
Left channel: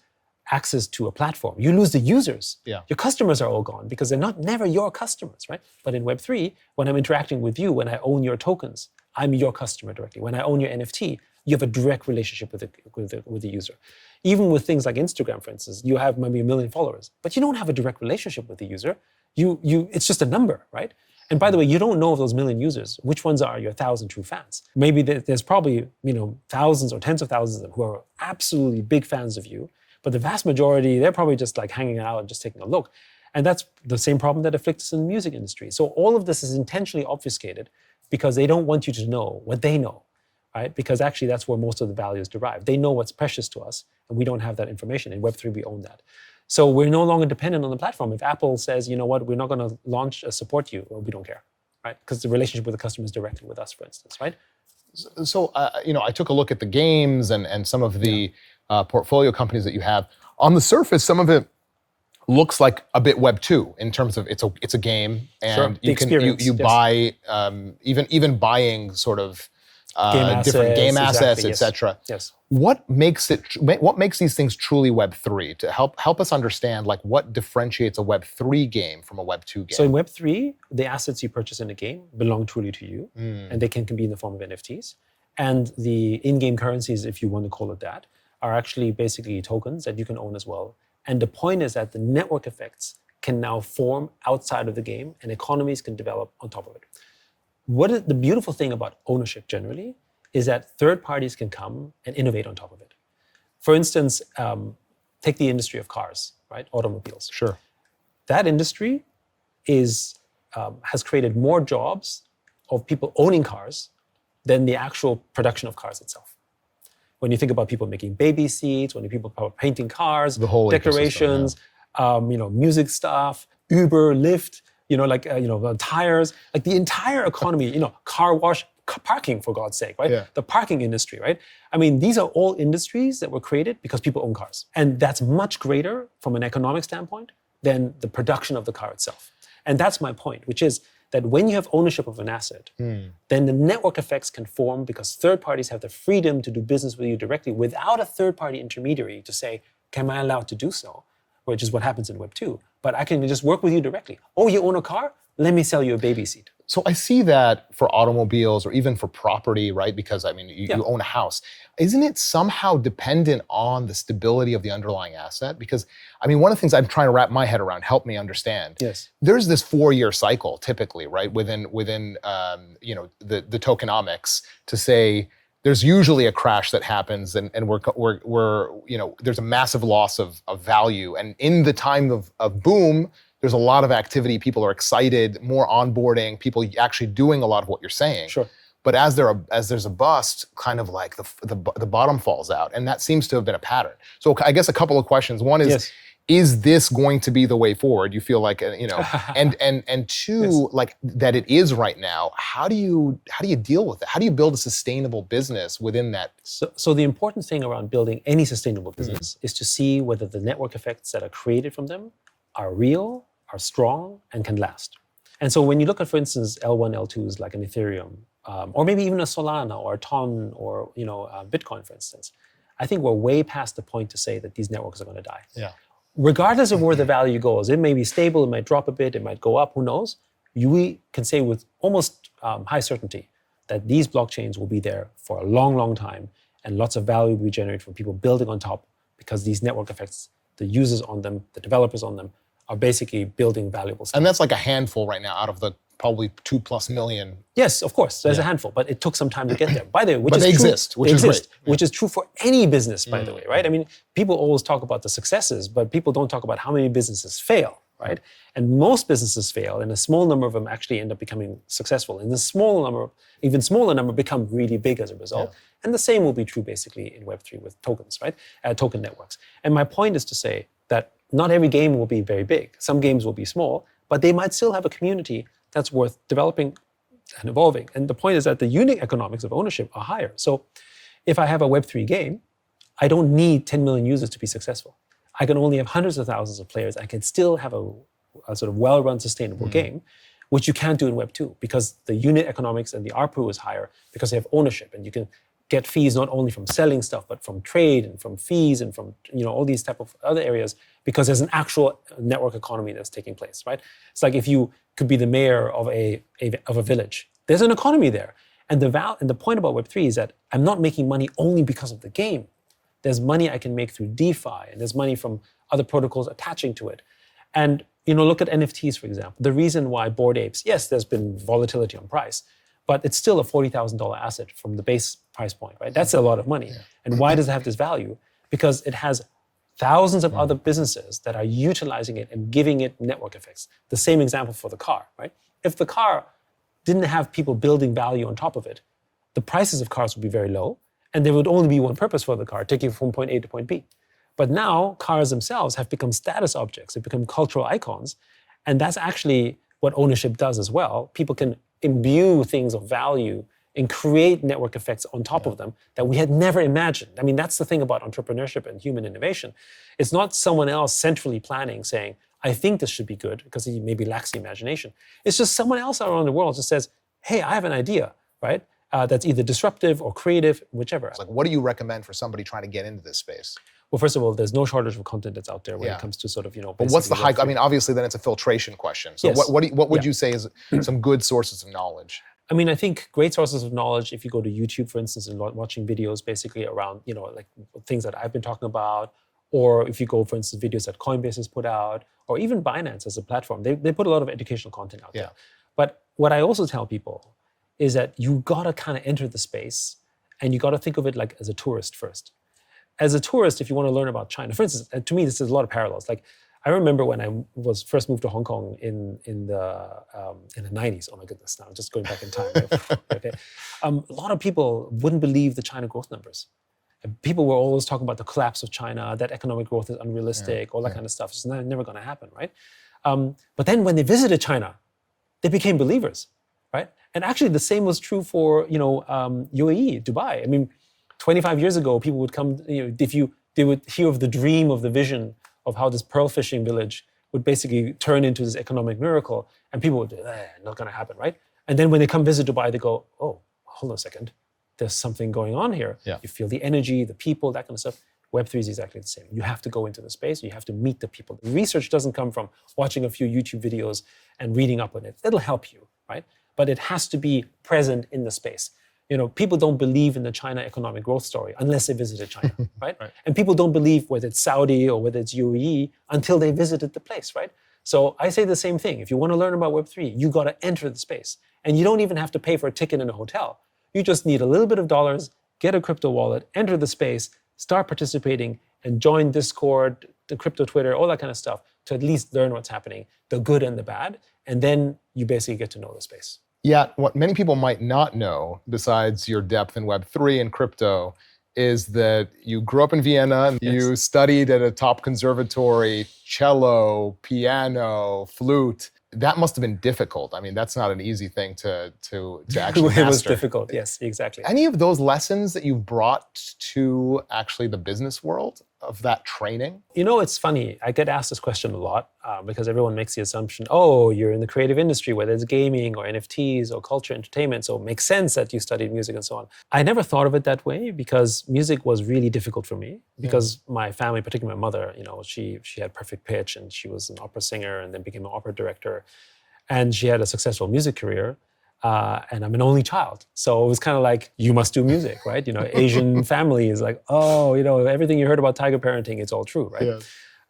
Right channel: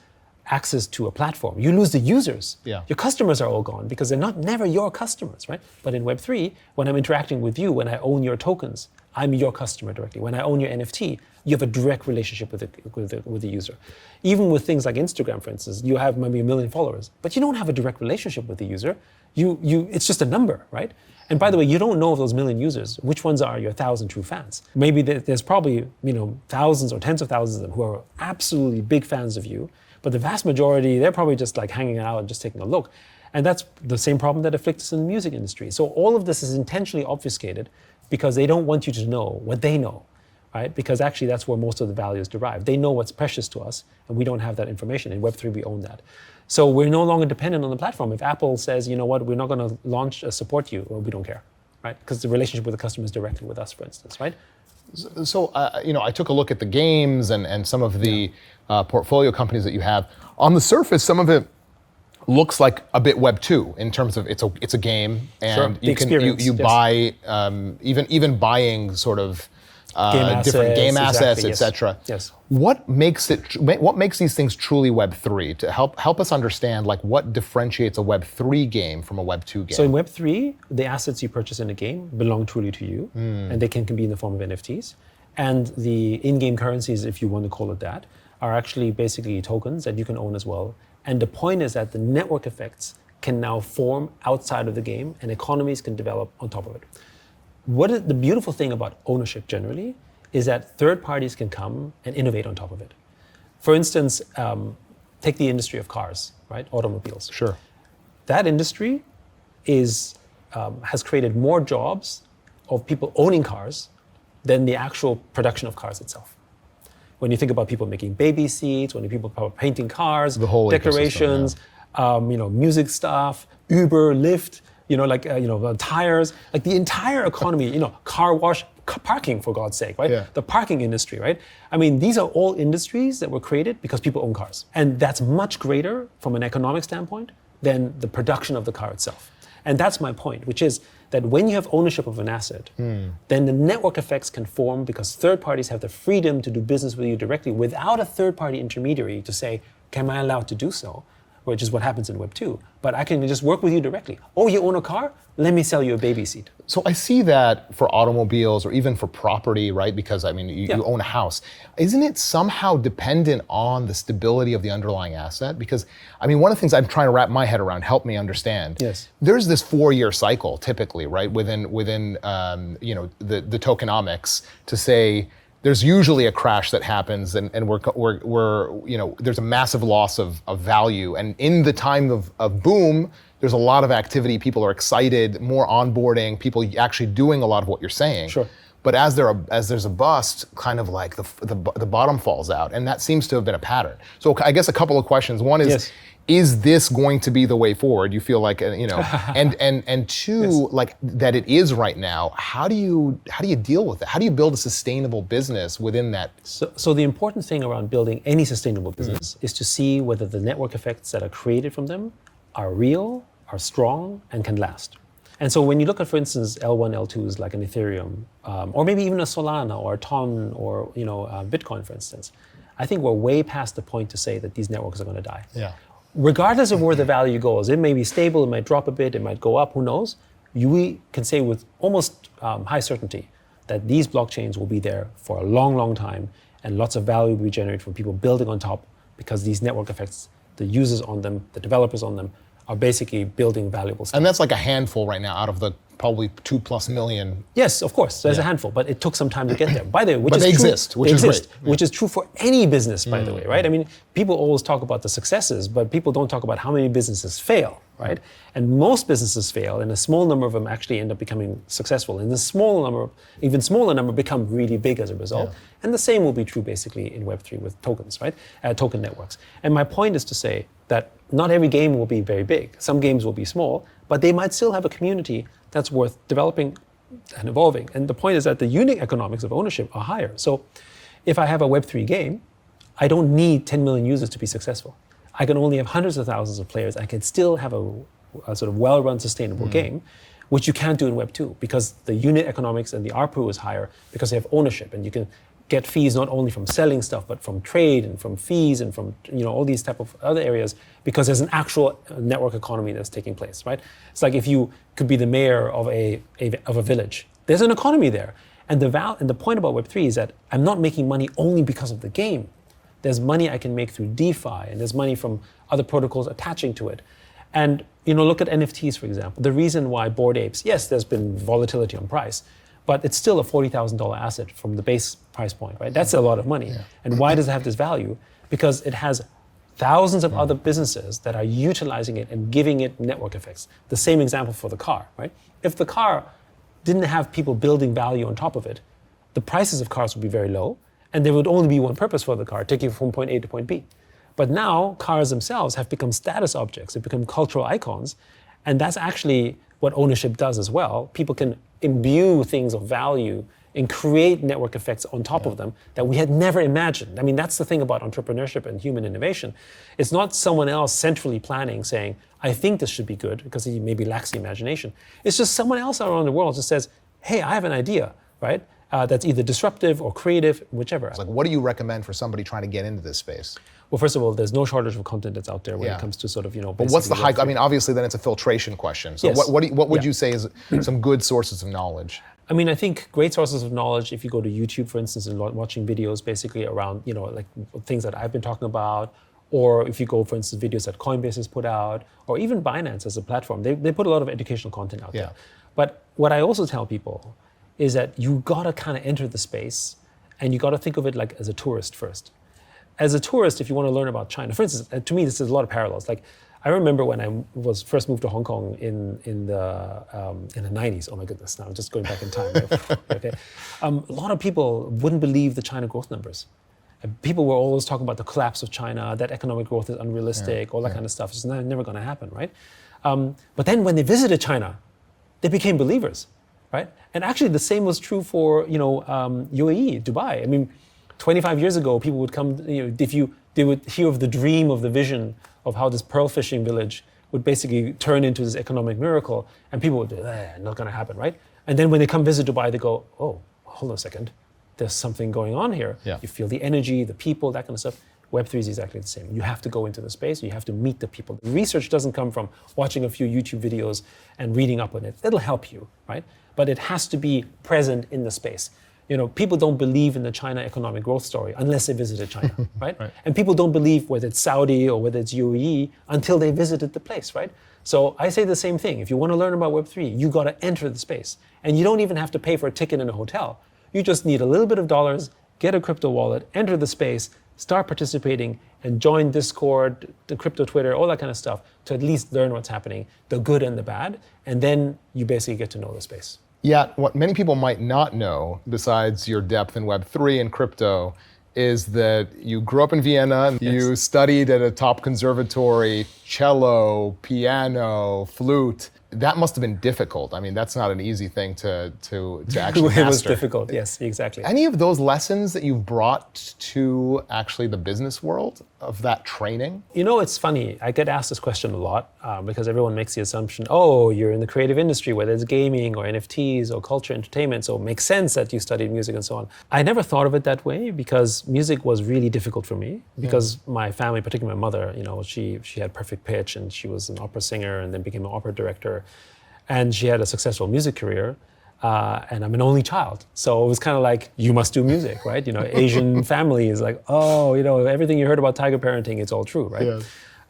access to a platform, you lose the users. Yeah. Your customers are all gone because they're never your customers, right? But in Web3, when I'm interacting with you, when I own your tokens, I'm your customer directly. When I own your NFT, you have a direct relationship with the user. Even with things like Instagram, for instance, you have maybe 1 million followers, but you don't have a direct relationship with the user. It's just a number, right? And by the way, you don't know of those 1 million users, which ones are your 1,000 true fans. Maybe there's probably thousands or tens of thousands of them who are absolutely big fans of you, but the vast majority, they're probably just like hanging out and just taking a look. And that's the same problem that afflicts us in the music industry. So all of this is intentionally obfuscated because they don't want you to know what they know, right? Because actually that's where most of the value is derived. They know what's precious to us, and we don't have that information. In Web3, we own that. So we're no longer dependent on the platform. If Apple says, you know what, we're not going to launch support you, well, we don't care, right? Because the relationship with the customer is directly with us, for instance, right? So, I took a look at the games and some of the portfolio companies that you have. On the surface, some of it looks like a bit Web 2 in terms of it's a game, and sure. you buy even buying sort of different game assets, exactly, etc. Yes. What makes these things truly Web 3? To help us understand, like, what differentiates a Web 3 game from a Web 2 game? So in Web 3, the assets you purchase in a game belong truly to you, and they can be in the form of NFTs. And the in-game currencies, if you want to call it that, are actually basically tokens that you can own as well. And the point is that the network effects can now form outside of the game, and economies can develop on top of it. What is the beautiful thing about ownership generally is that third parties can come and innovate on top of it. For instance, take the industry of cars, right? Automobiles. Sure. That industry has created more jobs of people owning cars than the actual production of cars itself. When you think about people making baby seats, when people are painting cars, the whole decorations, music stuff, Uber, Lyft, tires, like the entire economy, car wash, parking, for God's sake, right? Yeah. The parking industry, right? I mean, these are all industries that were created because people own cars. And that's much greater from an economic standpoint than the production of the car itself. And that's my point, which is that when you have ownership of an asset, then the network effects can form because third parties have the freedom to do business with you directly without a third party intermediary to say, am I allowed to do so? Which is what happens in Web 2. But I can just work with you directly. Oh, you own a car? Let me sell you a baby seat. So I see that for automobiles or even for property, right? Because you own a house. Isn't it somehow dependent on the stability of the underlying asset? Because one of the things I'm trying to wrap my head around, help me understand. Yes. There's this 4-year cycle typically, right? Within the tokenomics to say, there's usually a crash that happens, and there's a massive loss of value. And in the time of boom, there's a lot of activity. People are excited, more onboarding, people actually doing a lot of what you're saying. Sure. But as there's a bust, kind of like the bottom falls out, and that seems to have been a pattern. So I guess a couple of questions. One is. Yes. Is this going to be the way forward? You feel like, and two, Yes. like that it is right now. How do you deal with it? How do you build a sustainable business within that? So the important thing around building any sustainable business is to see whether the network effects that are created from them are real, are strong, and can last. And so when you look at, for instance, L1, L2s like an Ethereum, or maybe even a Solana or a Ton or Bitcoin, for instance, I think we're way past the point to say that these networks are going to die. Yeah. Regardless of where the value goes, it may be stable, it might drop a bit, it might go up, who knows? We can say with almost high certainty that these blockchains will be there for a long, long time, and lots of value will be generated from people building on top because these network effects, the users on them, the developers on them, are basically building valuable stuff. And that's like a handful right now out of the probably 2+ million. Yes, of course, there's a handful, but it took some time to get there. By the way, But they exist, which is great. Which is true for any business, by the way, right? People always talk about the successes, but people don't talk about how many businesses fail, right? And most businesses fail, and a small number of them actually end up becoming successful. And even smaller number become really big as a result. Yeah. And the same will be true basically in Web3 with tokens, right? Token networks. And my point is to say that not every game will be very big. Some games will be small, but they might still have a community that's worth developing and evolving. And the point is that the unit economics of ownership are higher. So if I have a Web3 game, I don't need 10 million users to be successful. I can only have hundreds of thousands of players. I can still have a sort of well-run, sustainable game, which you can't do in Web 2 because the unit economics and the ARPU is higher because you have ownership and you can get fees not only from selling stuff, but from trade and from fees and from all these type of other areas because there's an actual network economy that's taking place, right? It's like if you could be the mayor of a village, there's an economy there. And the point about Web3 is that I'm not making money only because of the game. There's money I can make through DeFi, and there's money from other protocols attaching to it. And look at NFTs, for example. The reason why Bored Apes, yes, there's been volatility on price, but it's still a $40,000 asset from the base price point, right? That's a lot of money. Yeah. And why does it have this value? Because it has thousands of other businesses that are utilizing it and giving it network effects. The same example for the car, right? If the car didn't have people building value on top of it, the prices of cars would be very low, and there would only be one purpose for the car, taking it from point A to point B. But now cars themselves have become status objects, they've become cultural icons, and that's actually what ownership does as well. People can imbue things of value and create network effects on top of them that we had never imagined. I mean, that's the thing about entrepreneurship and human innovation. It's not someone else centrally planning saying, I think this should be good, because he maybe lacks the imagination. It's just someone else around the world just says, hey, I have an idea, right? That's either disruptive or creative, whichever. It's like, what do you recommend for somebody trying to get into this space? Well, first of all, there's no shortage of content that's out there when it comes to sort of, But what's the high? I mean, obviously, then it's a filtration question. So Yes. what would you say is some good sources of knowledge? I mean, I think great sources of knowledge, if you go to YouTube, for instance, and watching videos basically around, like things that I've been talking about, or if you go, for instance, videos that Coinbase has put out, or even Binance as a platform, they put a lot of educational content out there. But what I also tell people is that you gotta kind of enter the space, and you gotta think of it like as a tourist first. As a tourist, if you want to learn about China, for instance, to me, this is a lot of parallels. Like, I remember when I was first moved to Hong Kong in the 90s. Oh my goodness, now I'm just going back in time. Okay. A lot of people wouldn't believe the China growth numbers. And people were always talking about the collapse of China, that economic growth is unrealistic, all that kind of stuff. It's never going to happen, right? But then when they visited China, they became believers, right? And actually, the same was true for UAE, Dubai. I mean, 25 years ago, people would come, they would hear of the dream, of the vision of how this pearl fishing village would basically turn into this economic miracle, and people would be, not gonna happen, right? And then when they come visit Dubai, they go, oh, hold on a second, there's something going on here. Yeah. You feel the energy, the people, that kind of stuff. Web3 is exactly the same. You have to go into the space, you have to meet the people. Research doesn't come from watching a few YouTube videos and reading up on it. That'll help you, right? But it has to be present in the space. People don't believe in the China economic growth story unless they visited China, right? And people don't believe whether it's Saudi or whether it's UAE until they visited the place, right? So I say the same thing. If you want to learn about Web3, you got to enter the space. And you don't even have to pay for a ticket in a hotel. You just need a little bit of dollars, get a crypto wallet, enter the space, start participating, and join Discord, the crypto Twitter, all that kind of stuff to at least learn what's happening, the good and the bad, and then you basically get to know the space. Yet, what many people might not know, besides your depth in Web3 and crypto, is that you grew up in Vienna, you studied at a top conservatory, cello, piano, flute. That must have been difficult. I mean, that's not an easy thing to actually master. It was difficult, yes, exactly. Any of those lessons that you've brought to actually the business world of that training? It's funny. I get asked this question a lot because everyone makes the assumption, oh, you're in the creative industry, whether it's gaming or NFTs or culture, entertainment, so it makes sense that you studied music and so on. I never thought of it that way because music was really difficult for me because my family, particularly my mother, she had perfect pitch and she was an opera singer and then became an opera director. And she had a successful music career, and I'm an only child. So it was kind of like, you must do music, right? Asian family is like, oh, everything you heard about tiger parenting, it's all true, right?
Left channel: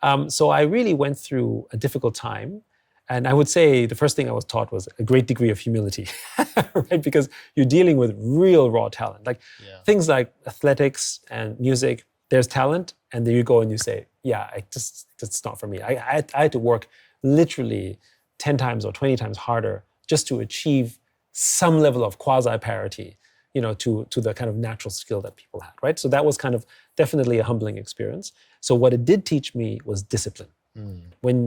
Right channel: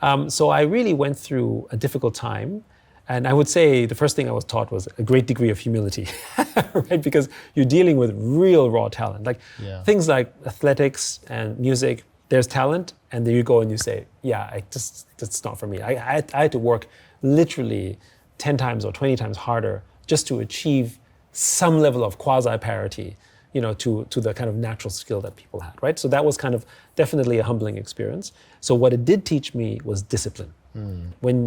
Yes. So I really went through a difficult time. And I would say the first thing I was taught was a great degree of humility, right? Because you're dealing with real raw talent. Like things like athletics and music, there's talent, and then you go and you say, that's not for me. I had to work literally 10 times or 20 times harder just to achieve some level of quasi-parity, to the kind of natural skill that people had, right? So that was kind of definitely a humbling experience. So what it did teach me was discipline.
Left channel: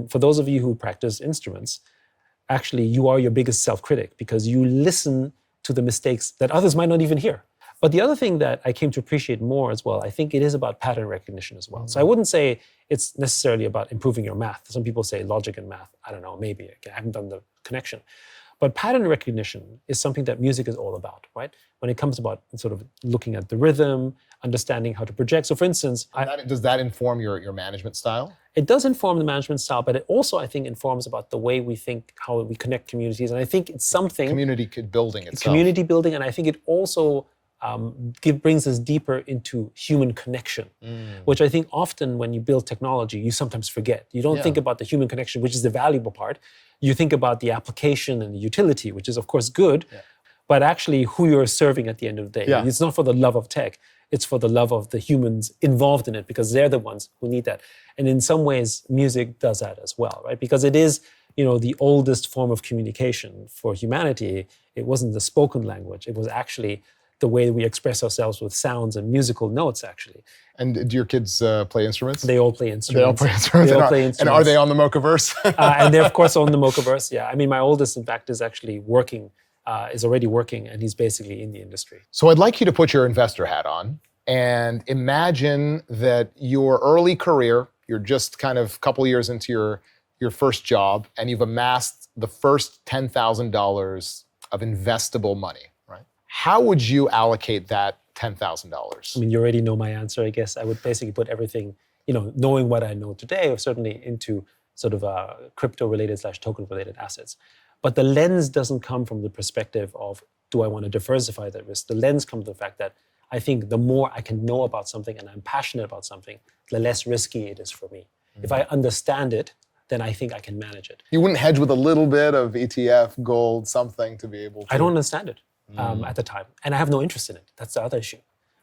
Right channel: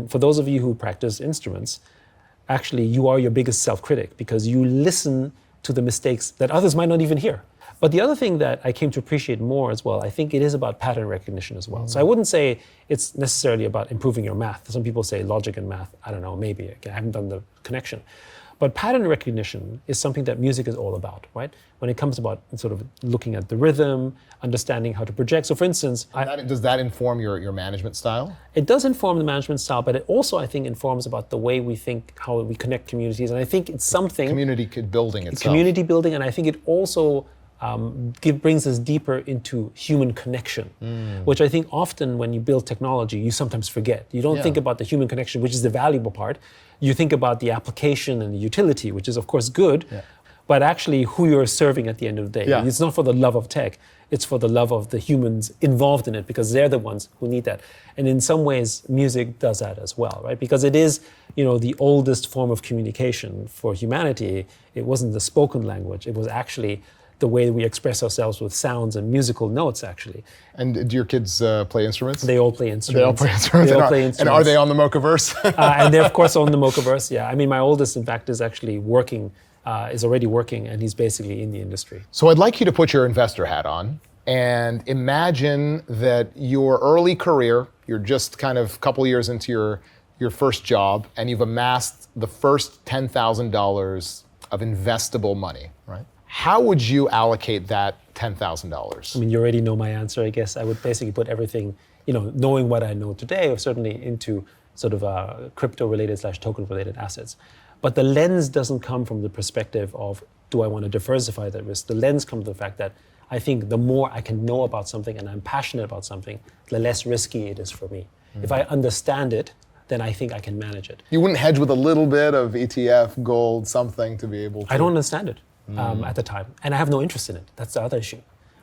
For those of you who practice instruments, actually you are your biggest self-critic because you listen to the mistakes that others might not even hear. But the other thing that I came to appreciate more as well, I think it is about pattern recognition as well. So I wouldn't say it's necessarily about improving your math. Some people say logic and math. I don't know, maybe. I haven't done the connection. But pattern recognition is something that music is all about, right? When it comes about sort of looking at the rhythm, understanding how to project. So for instance, Does that inform your management style? it does inform the management style, but it also, I think, informs about the way we think, how we connect communities. And I think it's something... Community building itself. Community building, and I think it also brings us deeper into human connection, which I think often when you build technology, you sometimes forget. You don't think about the human connection, which is the valuable part. You think about the application and the utility, which is of course good, but actually who you're serving at the end of the day. Yeah. It's not for the love of tech, it's for the love of the humans involved in it, because they're the ones who need that. And in some ways, music does that as well, right? Because it is, the oldest form of communication for humanity. It wasn't the spoken language, it was actually the way we express ourselves with sounds and musical notes, actually. And do your kids play instruments? They all play instruments. They all play instruments. They all play instruments. And are they on the Mochaverse? And they're of course on the Mochaverse, yeah. I mean, my oldest, in fact, is actually working, is already working, and he's basically in the industry. So I'd like you to put your investor hat on and imagine that your early career, you're just kind of a couple years into your first job, and you've amassed the first $10,000 of investable money, right? How would you allocate that $10,000? I mean, you already know my answer, I guess. I would basically put everything, knowing what I know today, certainly into sort of crypto-related / token-related assets. But the lens doesn't come from the perspective of, do I want to diversify that risk? The lens comes from the fact that I think the more I can know about something and I'm passionate about something, the less risky it is for me. If I understand it, then I think I can manage it. You wouldn't hedge with a little bit of ETF, gold, something to be able to... I don't understand it at the time, and I have no interest in it. That's the other issue,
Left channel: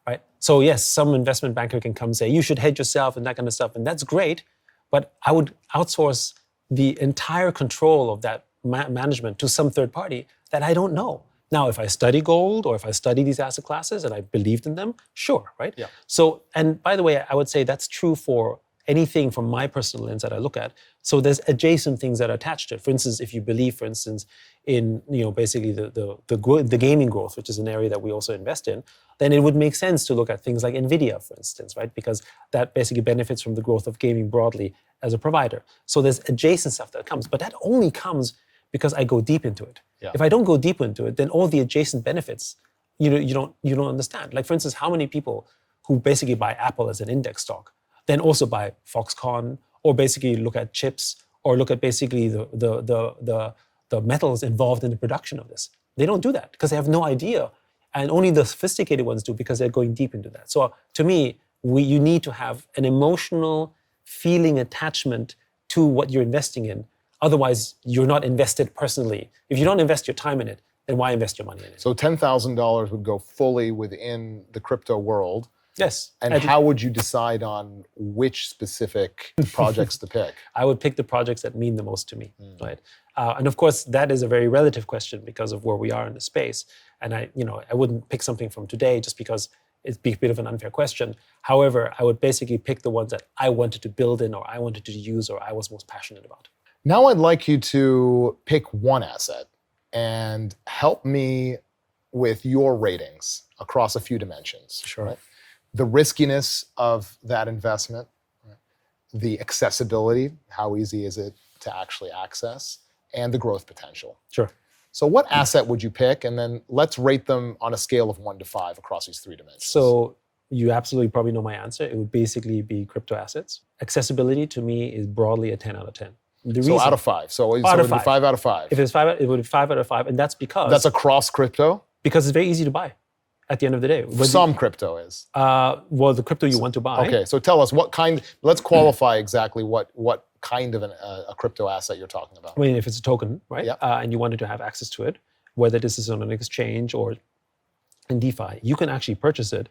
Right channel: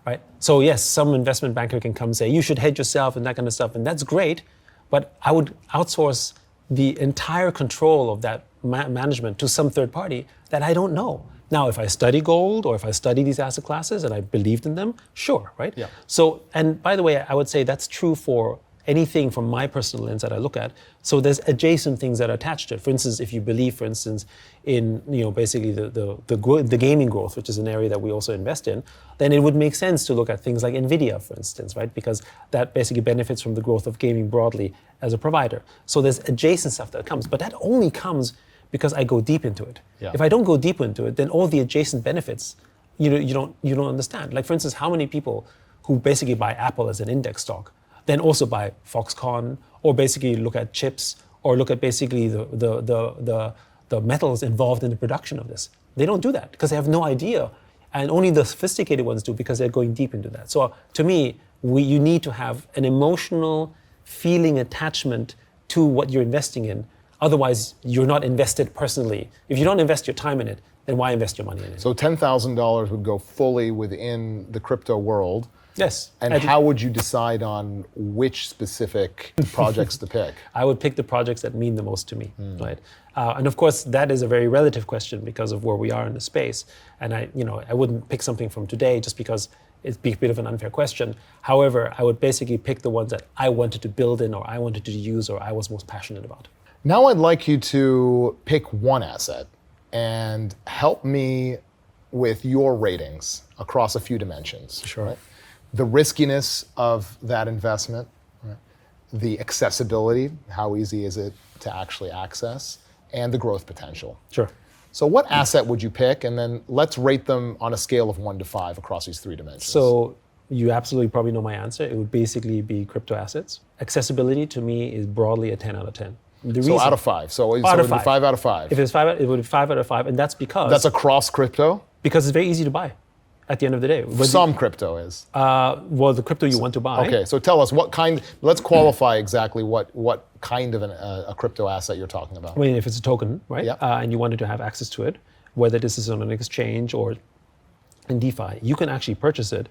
right? So yes, some investment banker can come say, you should hedge yourself and that kind of stuff, and that's great, but I would outsource the entire control of that management to some third party that I don't know. Now, if I study gold or if I study these asset classes and I believed in them, sure, right? Yeah. So, and by the way, I would say that's true for anything from my personal lens that I look at. So there's adjacent things that are attached to it. For instance, if you believe, for instance, in basically the gaming growth, which is an area that we also invest in, then it would make sense to look at things like Nvidia, for instance, right? Because that basically benefits from the growth of gaming broadly as a provider. So there's adjacent stuff that comes, but that only comes because I go deep into it. Yeah. If I don't go deep into it, then all the adjacent benefits you don't understand. Like for instance, how many people who basically buy Apple as an index stock then also buy Foxconn, or basically look at chips, or look at basically the metals involved in the production of this. They don't do that because they have no idea. And only the sophisticated ones do because they're going deep into that. So to me, you need to have an emotional feeling attachment to what you're investing in. Otherwise, you're not invested personally. If you don't invest your time in it, then why invest your money in it? So $10,000 would go fully within the crypto world. Yes. And how would you decide on which specific projects to pick? I would pick the projects that mean the most to me, right? And of course, that is a very relative question because of where we are in the space. And I wouldn't pick something from today just because it'd be a bit of an unfair question. However, I would basically pick the ones that I wanted to build in, or I wanted to use, or I was most passionate about. Now I'd like you to pick one asset and help me with your ratings across a few dimensions. Sure. Right? The riskiness of that investment, right? The accessibility, how easy is it to actually access, and the growth potential. Sure. So what asset would you pick? And then let's rate them on a scale of 1 to 5 across these 3 dimensions. So you absolutely probably know my answer. It would basically be crypto assets. Accessibility to me is broadly a 10 out of 10. So out of 5. So it out would of be 5. 5 out of 5. If it's 5, it would be 5 out of 5, and that's because... That's across crypto? Because it's very easy to buy at the end of the day. Some crypto is. Well, the crypto you want to buy. Okay, so tell us what kind, let's qualify exactly what kind of a crypto asset you're talking about. I mean, if it's a token, right? Yep. And you wanted to have access to it, whether this is on an exchange or in DeFi, you can actually purchase it.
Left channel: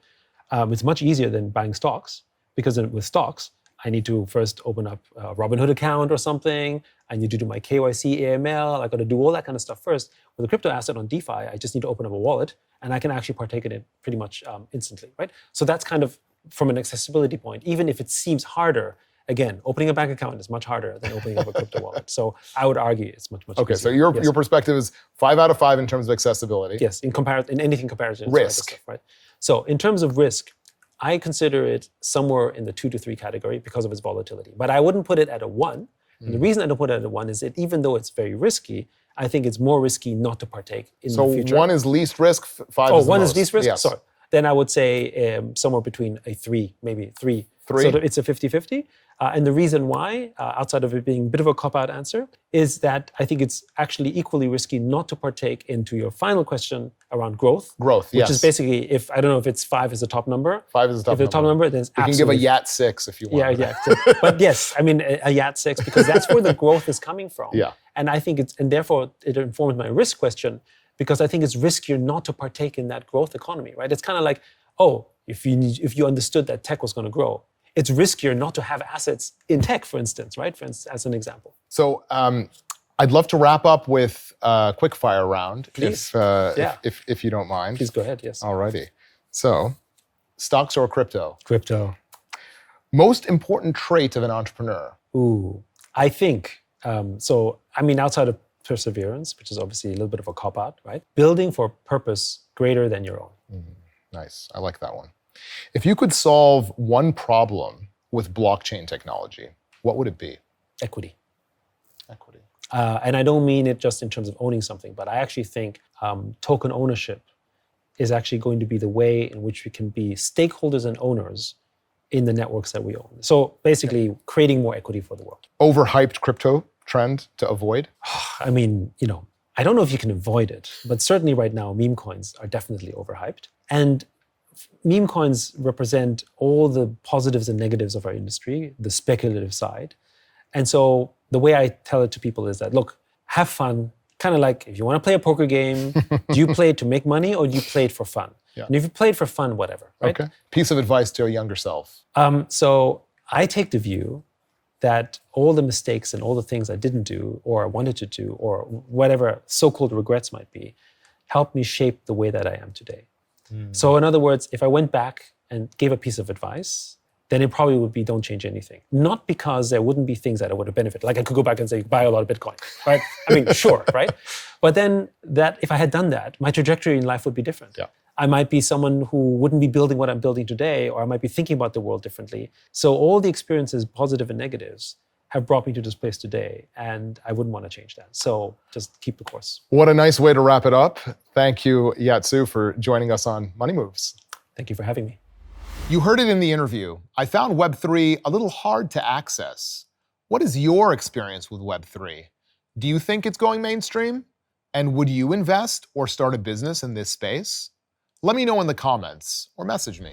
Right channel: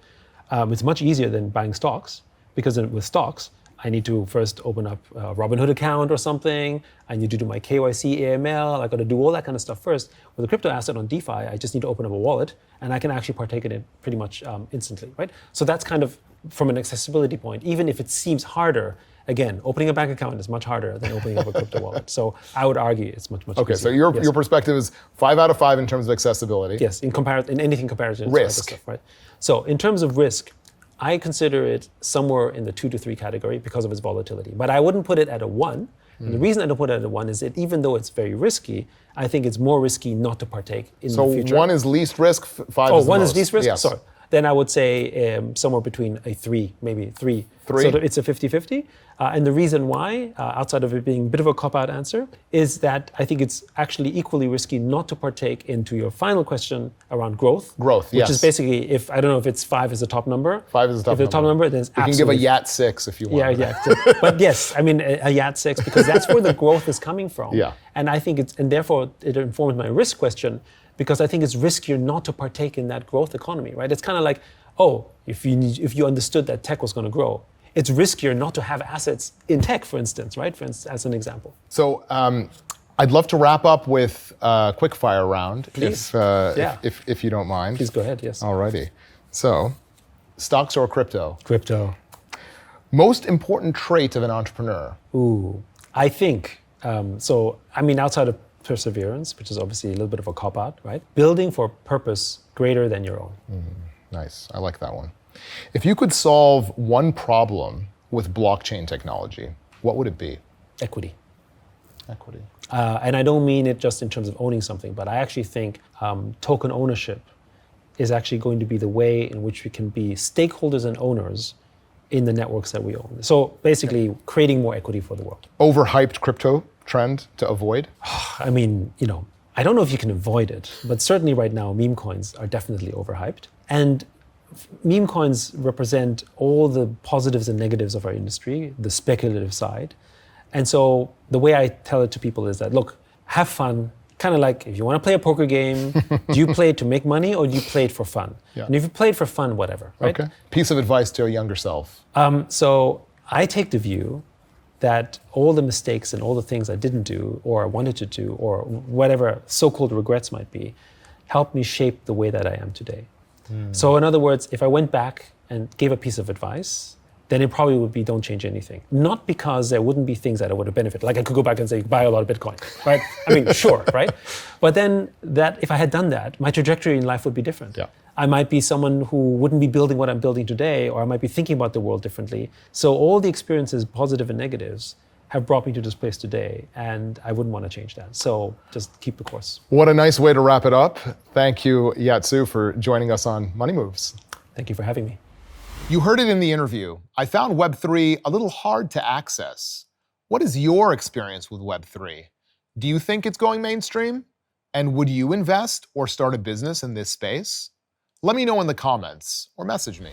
It's much easier than buying stocks, because with stocks, I need to first open up a Robinhood account or something. I need to do my KYC, AML. I got to do all that kind of stuff first. With a crypto asset on DeFi, I just need to open up a wallet, and I can actually partake in it pretty much instantly, right? So that's kind of from an accessibility point. Even if it seems harder, again, opening a bank account is much harder than opening up a crypto wallet. So I would argue it's much Okay, easier. so your perspective is 5 out of 5 in terms of accessibility. Yes, in anything comparative to other Risk. stuff, right? So in terms of risk, I consider it somewhere in the 2 to 3 category because of its volatility. But I wouldn't put it at a 1 And the reason I don't put it at 1 is that even though it's very risky, I think it's more risky not to partake in the future. So 1 is least risk, 5 is the most. 1 is least risk? Yes. Sorry. Then I would say somewhere between a 3, maybe 3. 3? So it's a 50-50. And the reason why, outside of it being a bit of a cop-out answer, is that I think it's actually equally risky not to partake into your final question around growth. Growth, which yes. is basically, I don't know if it's 5 is the top number. 5 is the top number. If the top number, then it's You can absolutely... give a Yat 6 if you want. Yeah. But yes, I mean, a Yat 6, because that's where the growth is coming from. Yeah. And I think and therefore it informs my risk question, because I think it's riskier not to partake in that growth economy, right? It's kind of like, if you understood that tech was going to grow, it's riskier not to have assets in tech, for instance, right? as an example. So I'd love to wrap up with a quickfire round, Please. if you don't mind. Please go ahead, yes. Alrighty. So, stocks or crypto? Crypto. Most important trait of an entrepreneur? I think, outside of perseverance, which is obviously a little bit of a cop-out, right? Building for a purpose greater than your own. Nice, I like that one. If you could solve one problem with blockchain technology, what would it be? Equity. Equity. And I don't mean it just in terms of owning something, but I actually think token ownership is actually going to be the way in which we can be stakeholders and owners in the networks that we own. So basically creating more equity for the world. Overhyped crypto trend to avoid? I mean, I don't know if you can avoid it, but certainly right now meme coins are definitely overhyped. And meme coins represent all the positives and negatives of our industry, the speculative side. And so the way I tell it to people is that, look, have fun. Kind of like if you want to play a poker game, do you play it to make money or do you play it for fun? Yeah. And if you play it for fun, whatever, right? Okay. Piece of advice to a younger self. So I take the view that all the mistakes and all the things I didn't do or wanted to do or whatever so-called regrets might be, helped me shape the way that I am today. So in other words, if I went back and gave a piece of advice, then it probably would be don't change anything. Not because there wouldn't be things that I would have benefited. Like I could go back and say, buy a lot of Bitcoin, right? I mean, sure, right? But then if I had done that, my trajectory in life would be different. Yeah. I might be someone who wouldn't be building what I'm building today, or I might be thinking about the world differently. So all the experiences, positive and negatives, have brought me to this place today, and I wouldn't want to change that. So just keep the course. What a nice way to wrap it up. Thank you, Yat Siu, for joining us on Money Moves. Thank you for having me. You heard it in the interview. I found Web3 a little hard to access. What is your experience with Web3? Do you think it's going mainstream? And would you invest or start a business in this space? Let me know in the comments or message me.